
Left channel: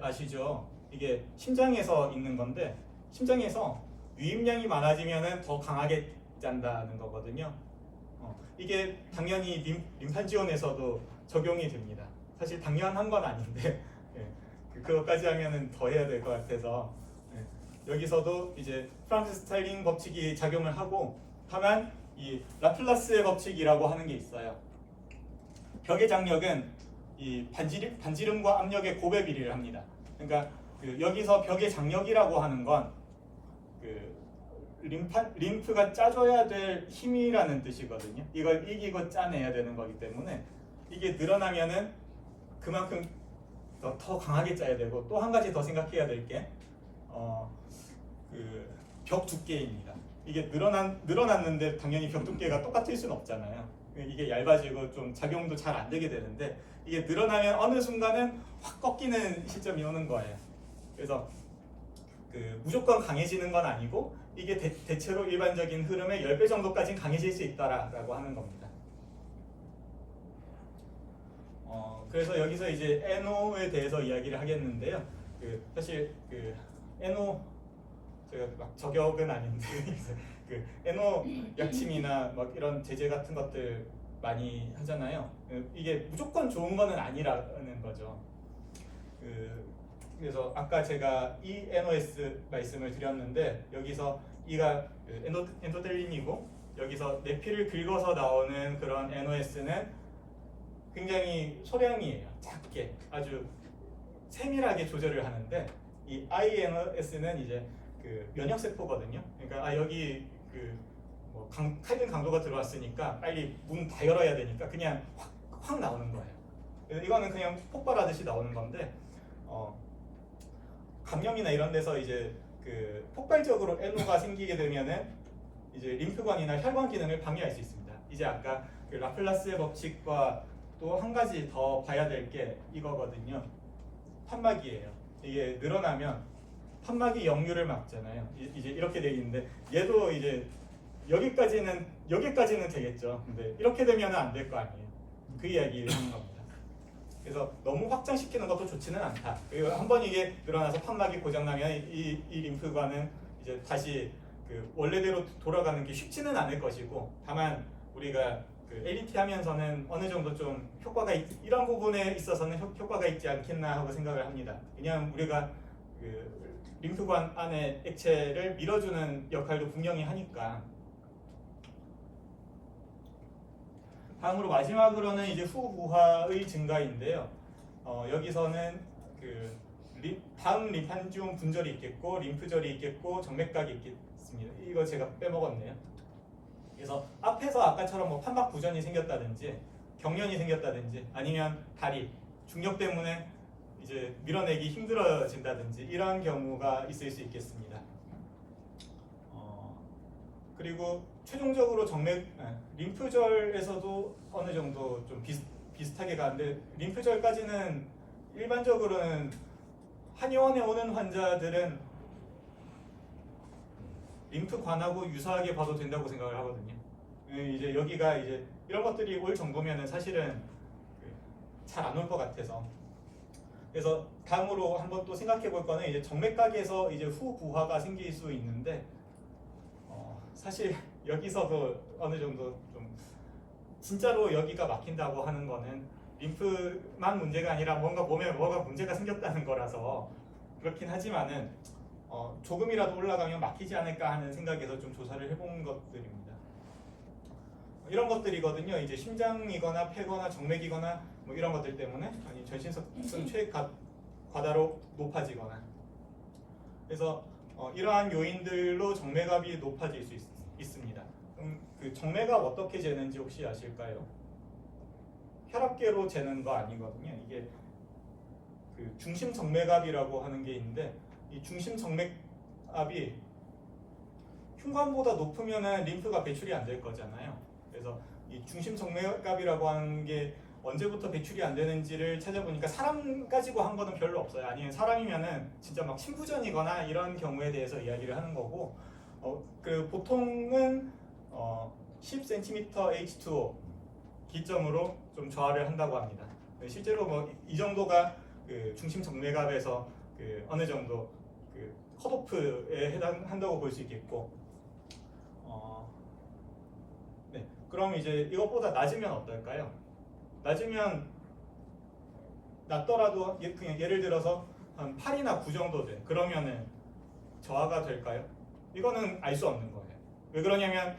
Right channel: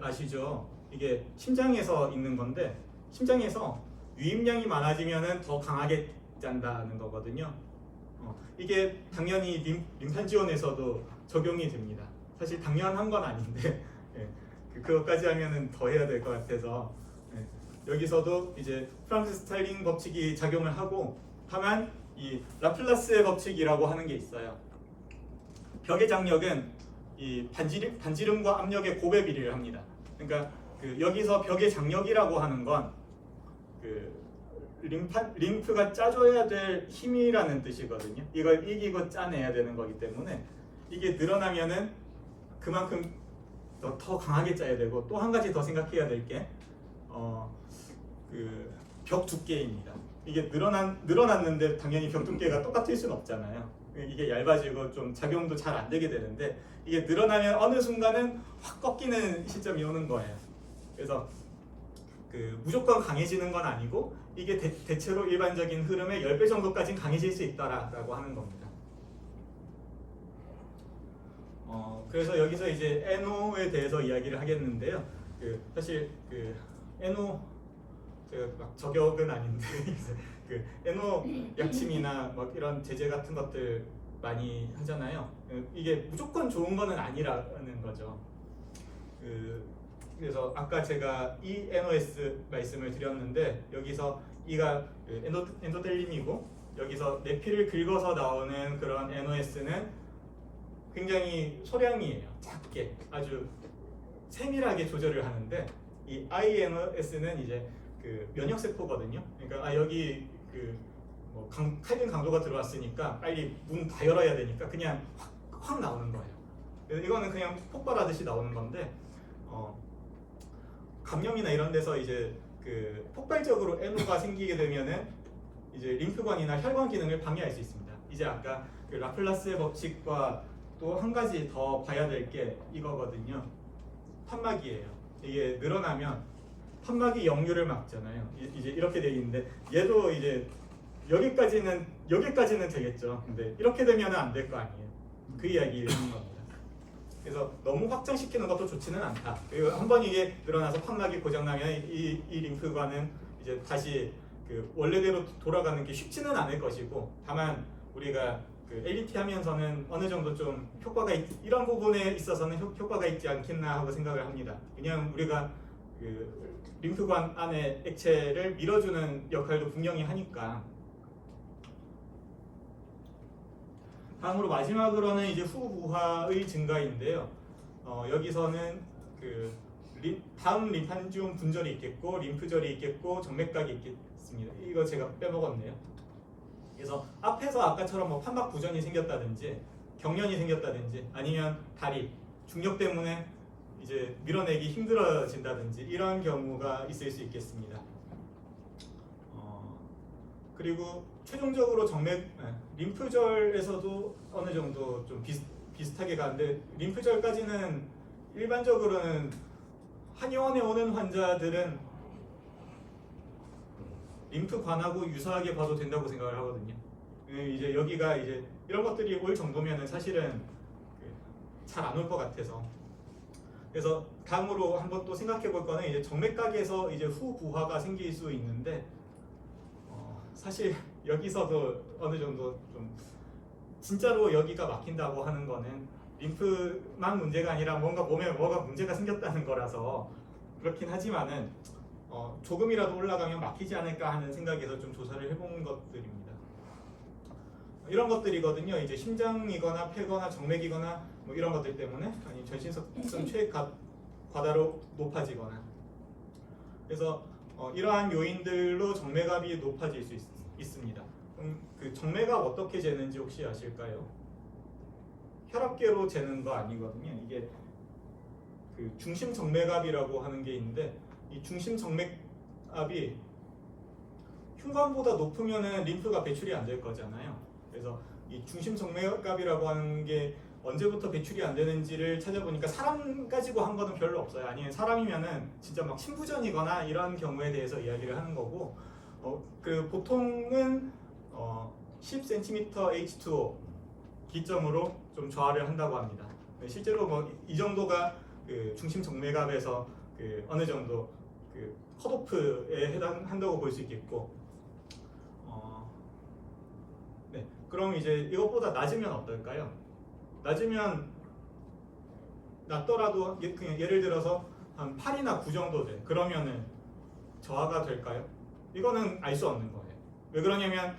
아시죠? 이게 심장에서 있는 건데, 심장에서 유입량이 많아지면은 더 강하게 짠다는 거거든요. 이게 당연히 림판 지원에서도 적용이 됩니다. 사실 당연한 건 아닌데 그것까지 하면은 더 해야 될 것 같아서 여기서도 이제 프랑크 스타일링 법칙이 작용을 하고, 다만 이 라플라스의 법칙이라고 하는 게 있어요. 벽의 장력은 이 반지름과 압력의 곱의 비례를 합니다. 그러니까 그 여기서 벽의 장력이라고 하는 건 그 림프가 짜줘야 될 힘이라는 뜻이거든요. 이걸 이기고 짜내야 되는 거기 때문에 이게 늘어나면은 그만큼 더 강하게 짜야 되고, 또 한 가지 더 생각해야 될 게 그 벽 두께입니다. 이게 늘어났는데 당연히 벽 두께가 똑같을 수는 없잖아요. 이게 얇아지고 좀 작용도 잘 안 되게 되는데, 이게 늘어나면 어느 순간은 확 꺾이는 시점이 오는 거예요. 그래서 그 무조건 강해지는 건 아니고 이게 대체로 일반적인 흐름의 10배 정도까지는 강해질 수 있다라고 하는 겁니다. 그래서 여기서 이제 NO에 대해서 이야기를 하겠는데요. 사실 NO 제가 막 저격은 아닌데 NO 약침이나 막 이런 제재 같은 것들 많이 하잖아요. 이게 무조건 좋은 거는 아니라는 거죠. 그래서 아까 제가 이 NOS 말씀을 드렸는데 여기서 이가 엔도텔린이고 여기서 내 피를 긁어서 나오는 그런 NOS는 굉장히 소량이에요. 작게 아주 세밀하게 조절을 하는데 이 INOS는 이제 면역 세포거든요. 그러니까 여기 칼빈 강도가 들어왔으니까 빨리 문 다 열어야 되니까 그냥 확 나오는 거예요. 그래서 이거는 그냥 폭발하듯이 나오는 건데 감염이나 이런 데서 이제 폭발적으로 NO가 생기게 되면은 이제 림프관이나 혈관 기능을 방해할 수 있습니다. 이제 아까 라플라스의 법칙과 또 한 가지 더 봐야 될 게 이거거든요. 판막이에요. 이게 늘어나면 판막이 역류를 막잖아요. 이제 이렇게 되어 있는데 얘도 이제 여기까지는 되겠죠. 근데 이렇게 되면은 안 될 거 아니에요. 그 이야기를 하는 겁니다. 그래서 너무 확장시키는 것도 좋지는 않다. 그리고 한번 이게 늘어나서 판막이 고장나면 이 림프관은 이제 다시 원래대로 돌아가는 게 쉽지는 않을 것이고, 다만 우리가 LDT 하면서는 어느 정도 좀 효과가 이런 부분에 있어서는 효과가 있지 않겠나 하고 생각을 합니다. 그냥 우리가 림프관 안에 액체를 밀어주는 역할도 분명히 하니까. 다음으로 마지막으로는 이제 후부하의 증가인데요. 여기서는 다음 림판지움 분절이 있겠고 림프절이 있겠고 정맥각이 있겠습니다. 이거 제가 빼먹었네요. 그래서 앞에서 아까처럼 뭐 판막 부전이 생겼다든지 경련이 생겼다든지 아니면 다리 중력 때문에 이제 밀어내기 힘들어진다든지 이런 경우가 있을 수 있겠습니다. 그리고 최종적으로 림프절에서도 어느 정도 좀 비슷하게 가는데, 림프절까지는 일반적으로는 한의원에 오는 환자들은 림프관하고 유사하게 봐도 된다고 생각을 하거든요. 이제 여기가 이제 이런 것들이 올 정도면은 사실은 잘 안 올 것 같아서. 그래서 다음으로 한번 또 생각해 볼 거는 이제 정맥각에서 이제 후부하가 생길 수 있는데, 사실 여기서도 어느 정도 좀 진짜로 여기가 막힌다고 하는 거는 림프만 문제가 아니라 뭔가 보면 뭐가 문제가 생겼다는 거라서 그렇긴 하지만은 조금이라도 올라가면 막히지 않을까 하는 생각에서 좀 조사를 해본 것들입니다. 이런 것들이거든요. 이제 심장이거나 폐거나 정맥이거나 뭐 이런 것들 때문에 아니 전신성 체액 과다로 높아지거나, 그래서 이러한 요인들로 정맥압이 높아질 수 있습니다. 그 정맥압 어떻게 재는지 혹시 아실까요? 혈압계로 재는 거 아니거든요. 이게 중심 정맥압이라고 하는 게 있는데, 이 중심 정맥압이 흉관보다 높으면은 림프가 배출이 안 될 거잖아요. 그래서 이 중심 정맥압이라고 하는 게 언제부터 배출이 안 되는지를 찾아보니까 사람 가지고 한 거는 별로 없어요. 아니면 사람이면은 진짜 막 심부전이거나 이런 경우에 대해서 이야기를 하는 거고, 보통은 10cm H2O 기점으로 좀 저하를 한다고 합니다. 실제로 뭐 이 정도가 중심 정맥압에서 어느 정도 컷오프에 해당한다고 볼 수 있겠고, 네, 그럼 이제 이것보다 낮으면 어떨까요? 낮더라도 그냥 예를 들어서 한 8이나 9 정도 돼. 그러면은 저하가 될까요? 이거는 알 수 없는 거예요. 왜 그러냐면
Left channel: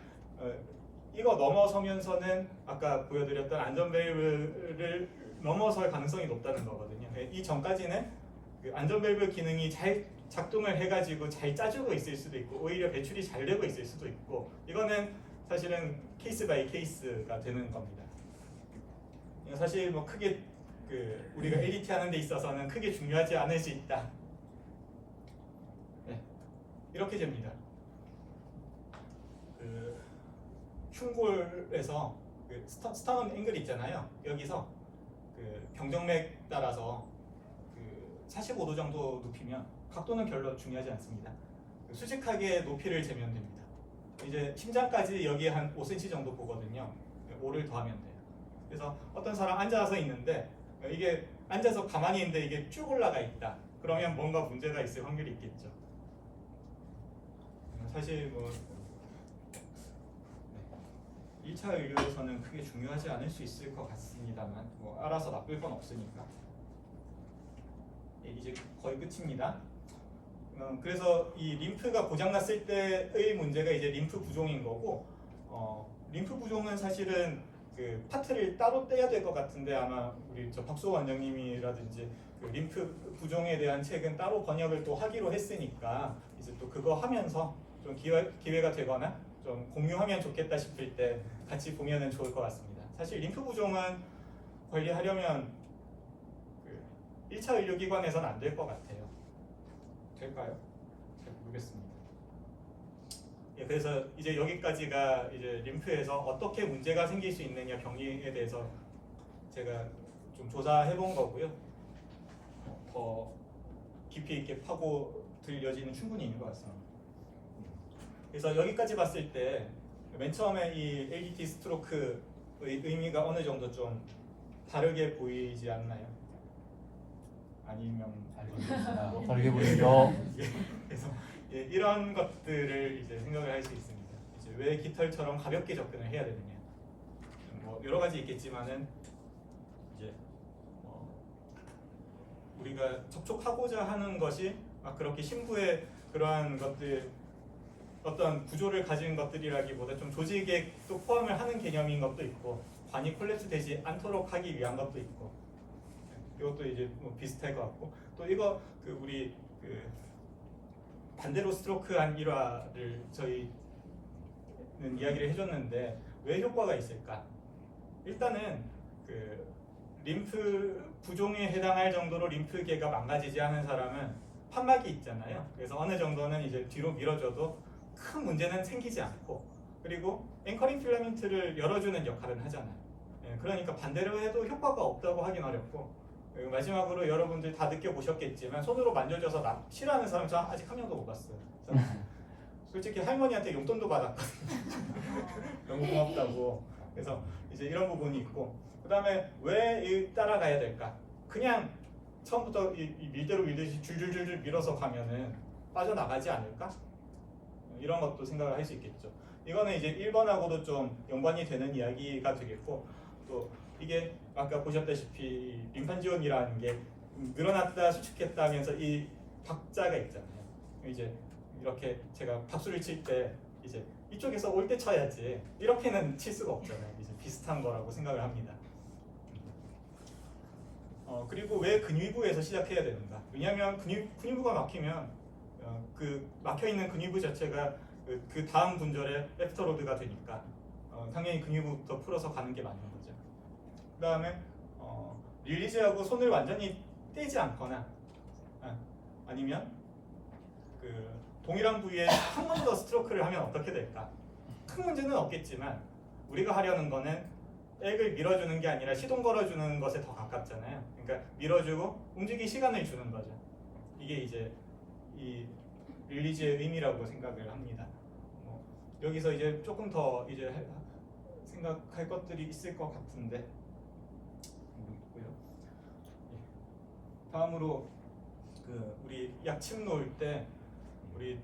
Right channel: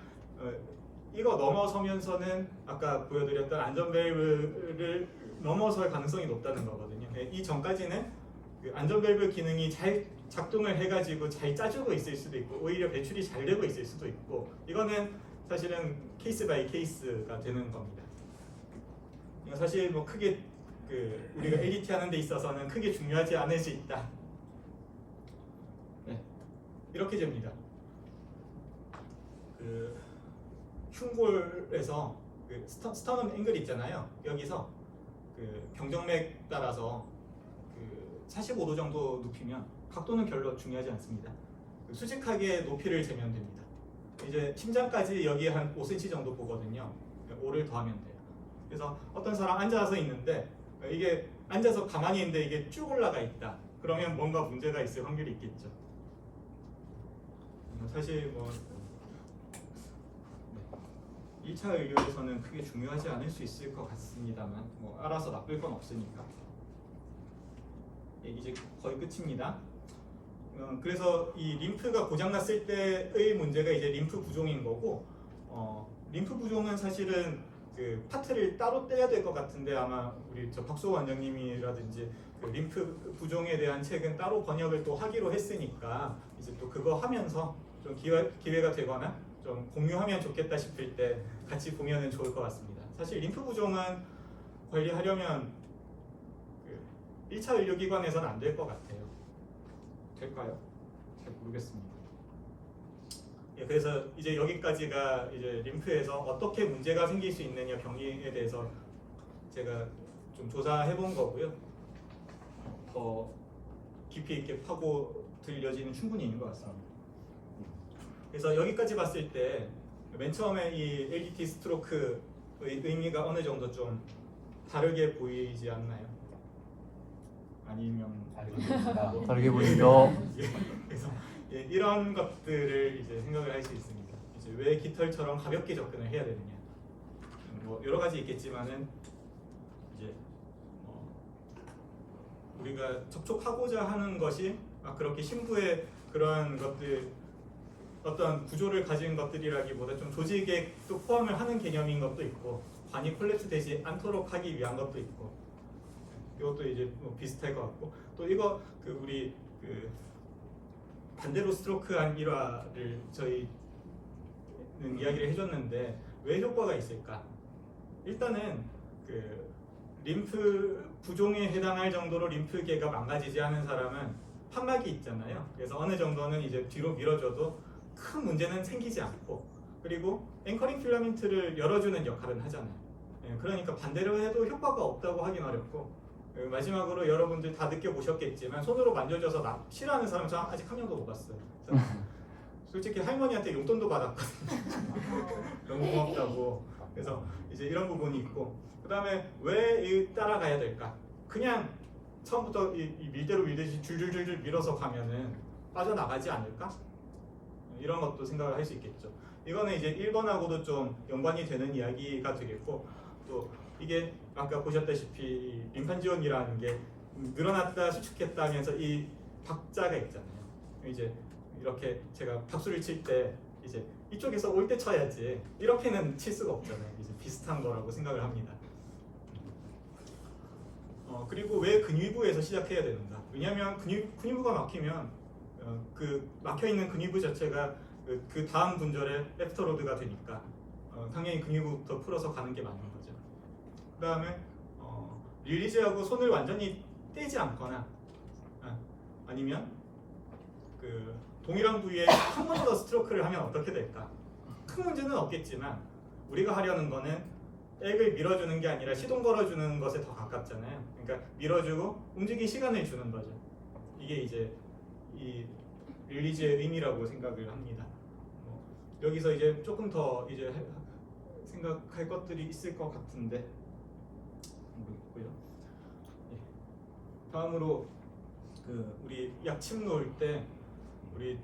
이거 넘어서면서는 아까 보여드렸던 안전밸브를 넘어설 가능성이 높다는 거거든요. 이 전까지는 안전밸브 기능이 잘 작동을 해가지고 잘 짜주고 있을 수도 있고 오히려 배출이 잘 되고 있을 수도 있고, 이거는 사실은 케이스 바이 케이스가 되는 겁니다. 사실 뭐 크게 우리가 LDT 하는 데 있어서는 크게 중요하지 않을 수 있다. 네, 이렇게 됩니다. 흉골에서 스터넘 앵글 있잖아요. 여기서 경정맥 따라서 45도 정도 눕히면 각도는 별로 중요하지 않습니다. 수직하게 높이를 재면 됩니다. 이제 심장까지 여기 한 5cm 정도 보거든요. 5를 더하면 돼요. 그래서 어떤 사람 앉아서 있는데 이게 앉아서 가만히 있는데 이게 쭉 올라가 있다. 그러면 뭔가 문제가 있을 확률이 있겠죠. 사실 뭐 1차 의료에서는 크게 중요하지 않을 수 있을 것 같습니다만 뭐 알아서 나쁠 건 없으니까. 이제 거의 끝입니다. 그래서 이 림프가 고장났을 때의 문제가 이제 림프 부종인 거고, 림프 부종은 사실은 그 파트를 따로 떼야 될 것 같은데 아마 우리 저 박수호 원장님이라든지 그 림프 부종에 대한 책은 따로 번역을 또 하기로 했으니까 이제 또 그거 하면서 좀 기회가 되거나 좀 공유하면 좋겠다 싶을 때 같이 보면은 좋을 것 같습니다. 사실 림프 부종은 관리하려면 그 1차 의료기관에서는 안 될 것 같아요. 될까요? 잘 모르겠습니다. 예, 그래서 이제 여기까지가 이제 림프에서 어떻게 문제가 생길 수 있느냐 병리에 대해서 제가 좀 조사해 본 거고요. 더 깊이 있게 파고들 여지는 충분히 있는 것 같습니다. 그래서 여기까지 봤을 때 맨 처음에 이 LDT 스트로크의 의미가 어느 정도 좀 다르게 보이지 않나요? 아니면 다르게 보이죠. 그래서 예, 이런 것들을 이제 생각을 할 수 있습니다. 이제 왜 깃털처럼 가볍게 접근을 해야 되느냐? 뭐 여러 가지 있겠지만은 이제 우리가 접촉하고자 하는 것이 그렇게 심부의 그러한 것들 어떤 구조를 가진 것들이라기보다 좀 조직에 또 포함을 하는 개념인 것도 있고 관이 콜랩스되지 않도록 하기 위한 것도 있고 이것도 이제 뭐 비슷할 것 같고 또 이거 그 우리 그 반대로 스트로크한 일화를 저희는 이야기를 해줬는데 왜 효과가 있을까? 일단은 그 림프 부종에 해당할 정도로 림프계가 망가지지 않은 사람은 판막이 있잖아요. 그래서 어느 정도는 이제 뒤로 밀어줘도 큰 문제는 생기지 않고 그리고 앵커링 필라멘트를 열어주는 역할은 하잖아요. 예, 그러니까 반대로 해도 효과가 없다고 하긴 어렵고 마지막으로 여러분들 다 느껴보셨겠지만 손으로 만져줘서 싫어하는 사람 저 아직 한 명도 못 봤어요. 솔직히 할머니한테 용돈도 받았거든요. 너무 고맙다고. 그래서 이제 이런 부분이 있고 그 다음에 왜 따라가야 될까? 그냥 처음부터 이 밀대로 밀듯이 줄줄줄줄 밀어서 가면은 빠져나가지 않을까? 이런 것도 생각을 할 수 있겠죠. 이거는 이제 1번하고도 좀 연관이 되는 이야기가 되겠고 또 이게 아까 보셨다시피 림판지원이라는 게 늘어났다 수축했다 하면서 이 박자가 있잖아요. 이제 이렇게 제가 박수를 칠 때 이제 이쪽에서 올 때 쳐야지 이렇게는 칠 수가 없잖아요. 이제 비슷한 거라고 생각을 합니다. 그리고 왜 근위부에서 시작해야 되는가? 왜냐하면 근위부가 막히면 그 막혀 있는 근위부 자체가 그 다음 분절에 애프터로드가 되니까 당연히 근위부부터 풀어서 가는 게 맞는 거죠. 그 다음에 릴리즈하고 손을 완전히 떼지 않거나 아니면 그 동일한 부위에 한 번 더 스트로크를 하면 어떻게 될까? 큰 문제는 없겠지만 우리가 하려는 거는 액을 밀어주는 게 아니라 시동 걸어주는 것에 더 가깝잖아요. 그러니까 밀어주고 움직일 시간을 주는 거죠. 이게 이제 이 릴리즈의 의미라고 생각을 합니다. 여기서 이제 조금 더 이제 생각할 것들이 있을 것 같은데 모르겠고요. 다음으로 그 우리 약침 놓을 때 우리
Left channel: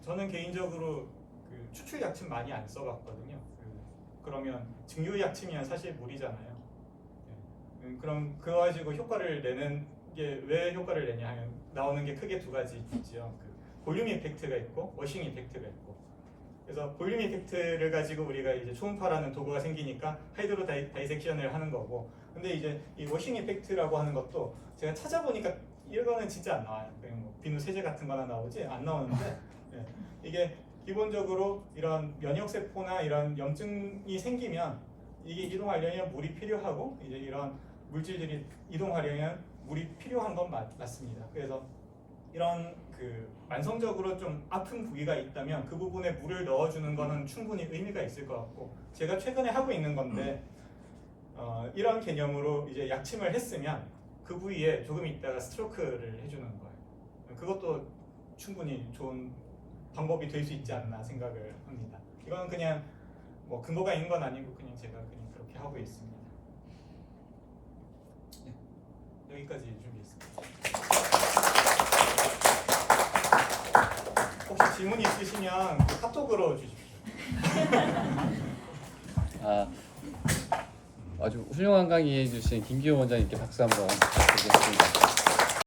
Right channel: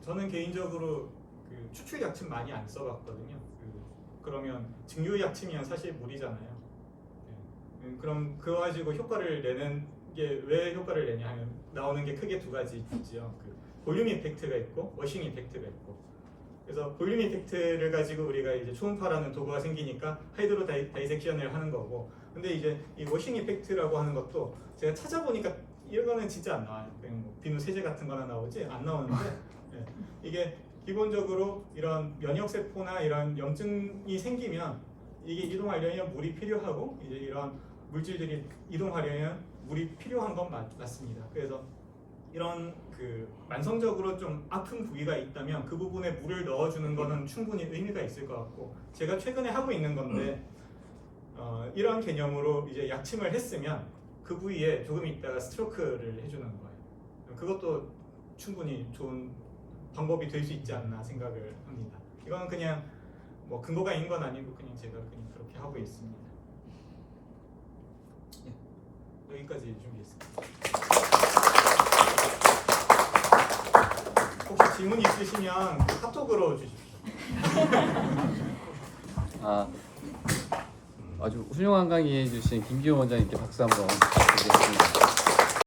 저는 개인적으로 그 추출 약침 많이 안 써봤거든요. 그러면 증류 약침이면 사실 물이잖아요. 그럼 그거 가지고 효과를 내는 게 왜 효과를 내냐 하면 나오는 게 크게 두 가지 있죠. 그 볼륨 이펙트가 있고 워싱 이펙트가 있고. 그래서 볼륨 이펙트를 가지고 우리가 이제 초음파라는 도구가 생기니까 하이드로 다이섹션을 하는 거고. 근데 이제 이 워싱 이펙트라고 하는 것도 제가 찾아보니까 이거는 진짜 안 나와요. 뭐 비누 세제 같은 거나 나오지 안 나오는데 이게 기본적으로 이런 면역세포나 이런 염증이 생기면 이게 이동하려면 물이 필요하고 이제 이런 물질들이 이동하려면 물이 필요한 건 맞습니다. 그래서 이런 그 만성적으로 좀 아픈 부위가 있다면 그 부분에 물을 넣어주는 거는 충분히 의미가 있을 것 같고 제가 최근에 하고 있는 건데 이런 개념으로 이제 약침을 했으면 그 그 부위에 조금 있다가 스트로크를 해주는 거예요. 그것도 충분히 좋은 방법이 될 수 있지 않나 생각을 합니다. 이건 그냥 뭐 근거가 있는 건 아니고 그냥 제가 그냥 그렇게 하고 있습니다. 네, 여기까지 준비했습니다. 혹시 질문 있으시면 그 카톡으로 주십시오. 아주 훌륭한 강의 해주신 김기호 원장님께 박수 한번 드리겠습니다.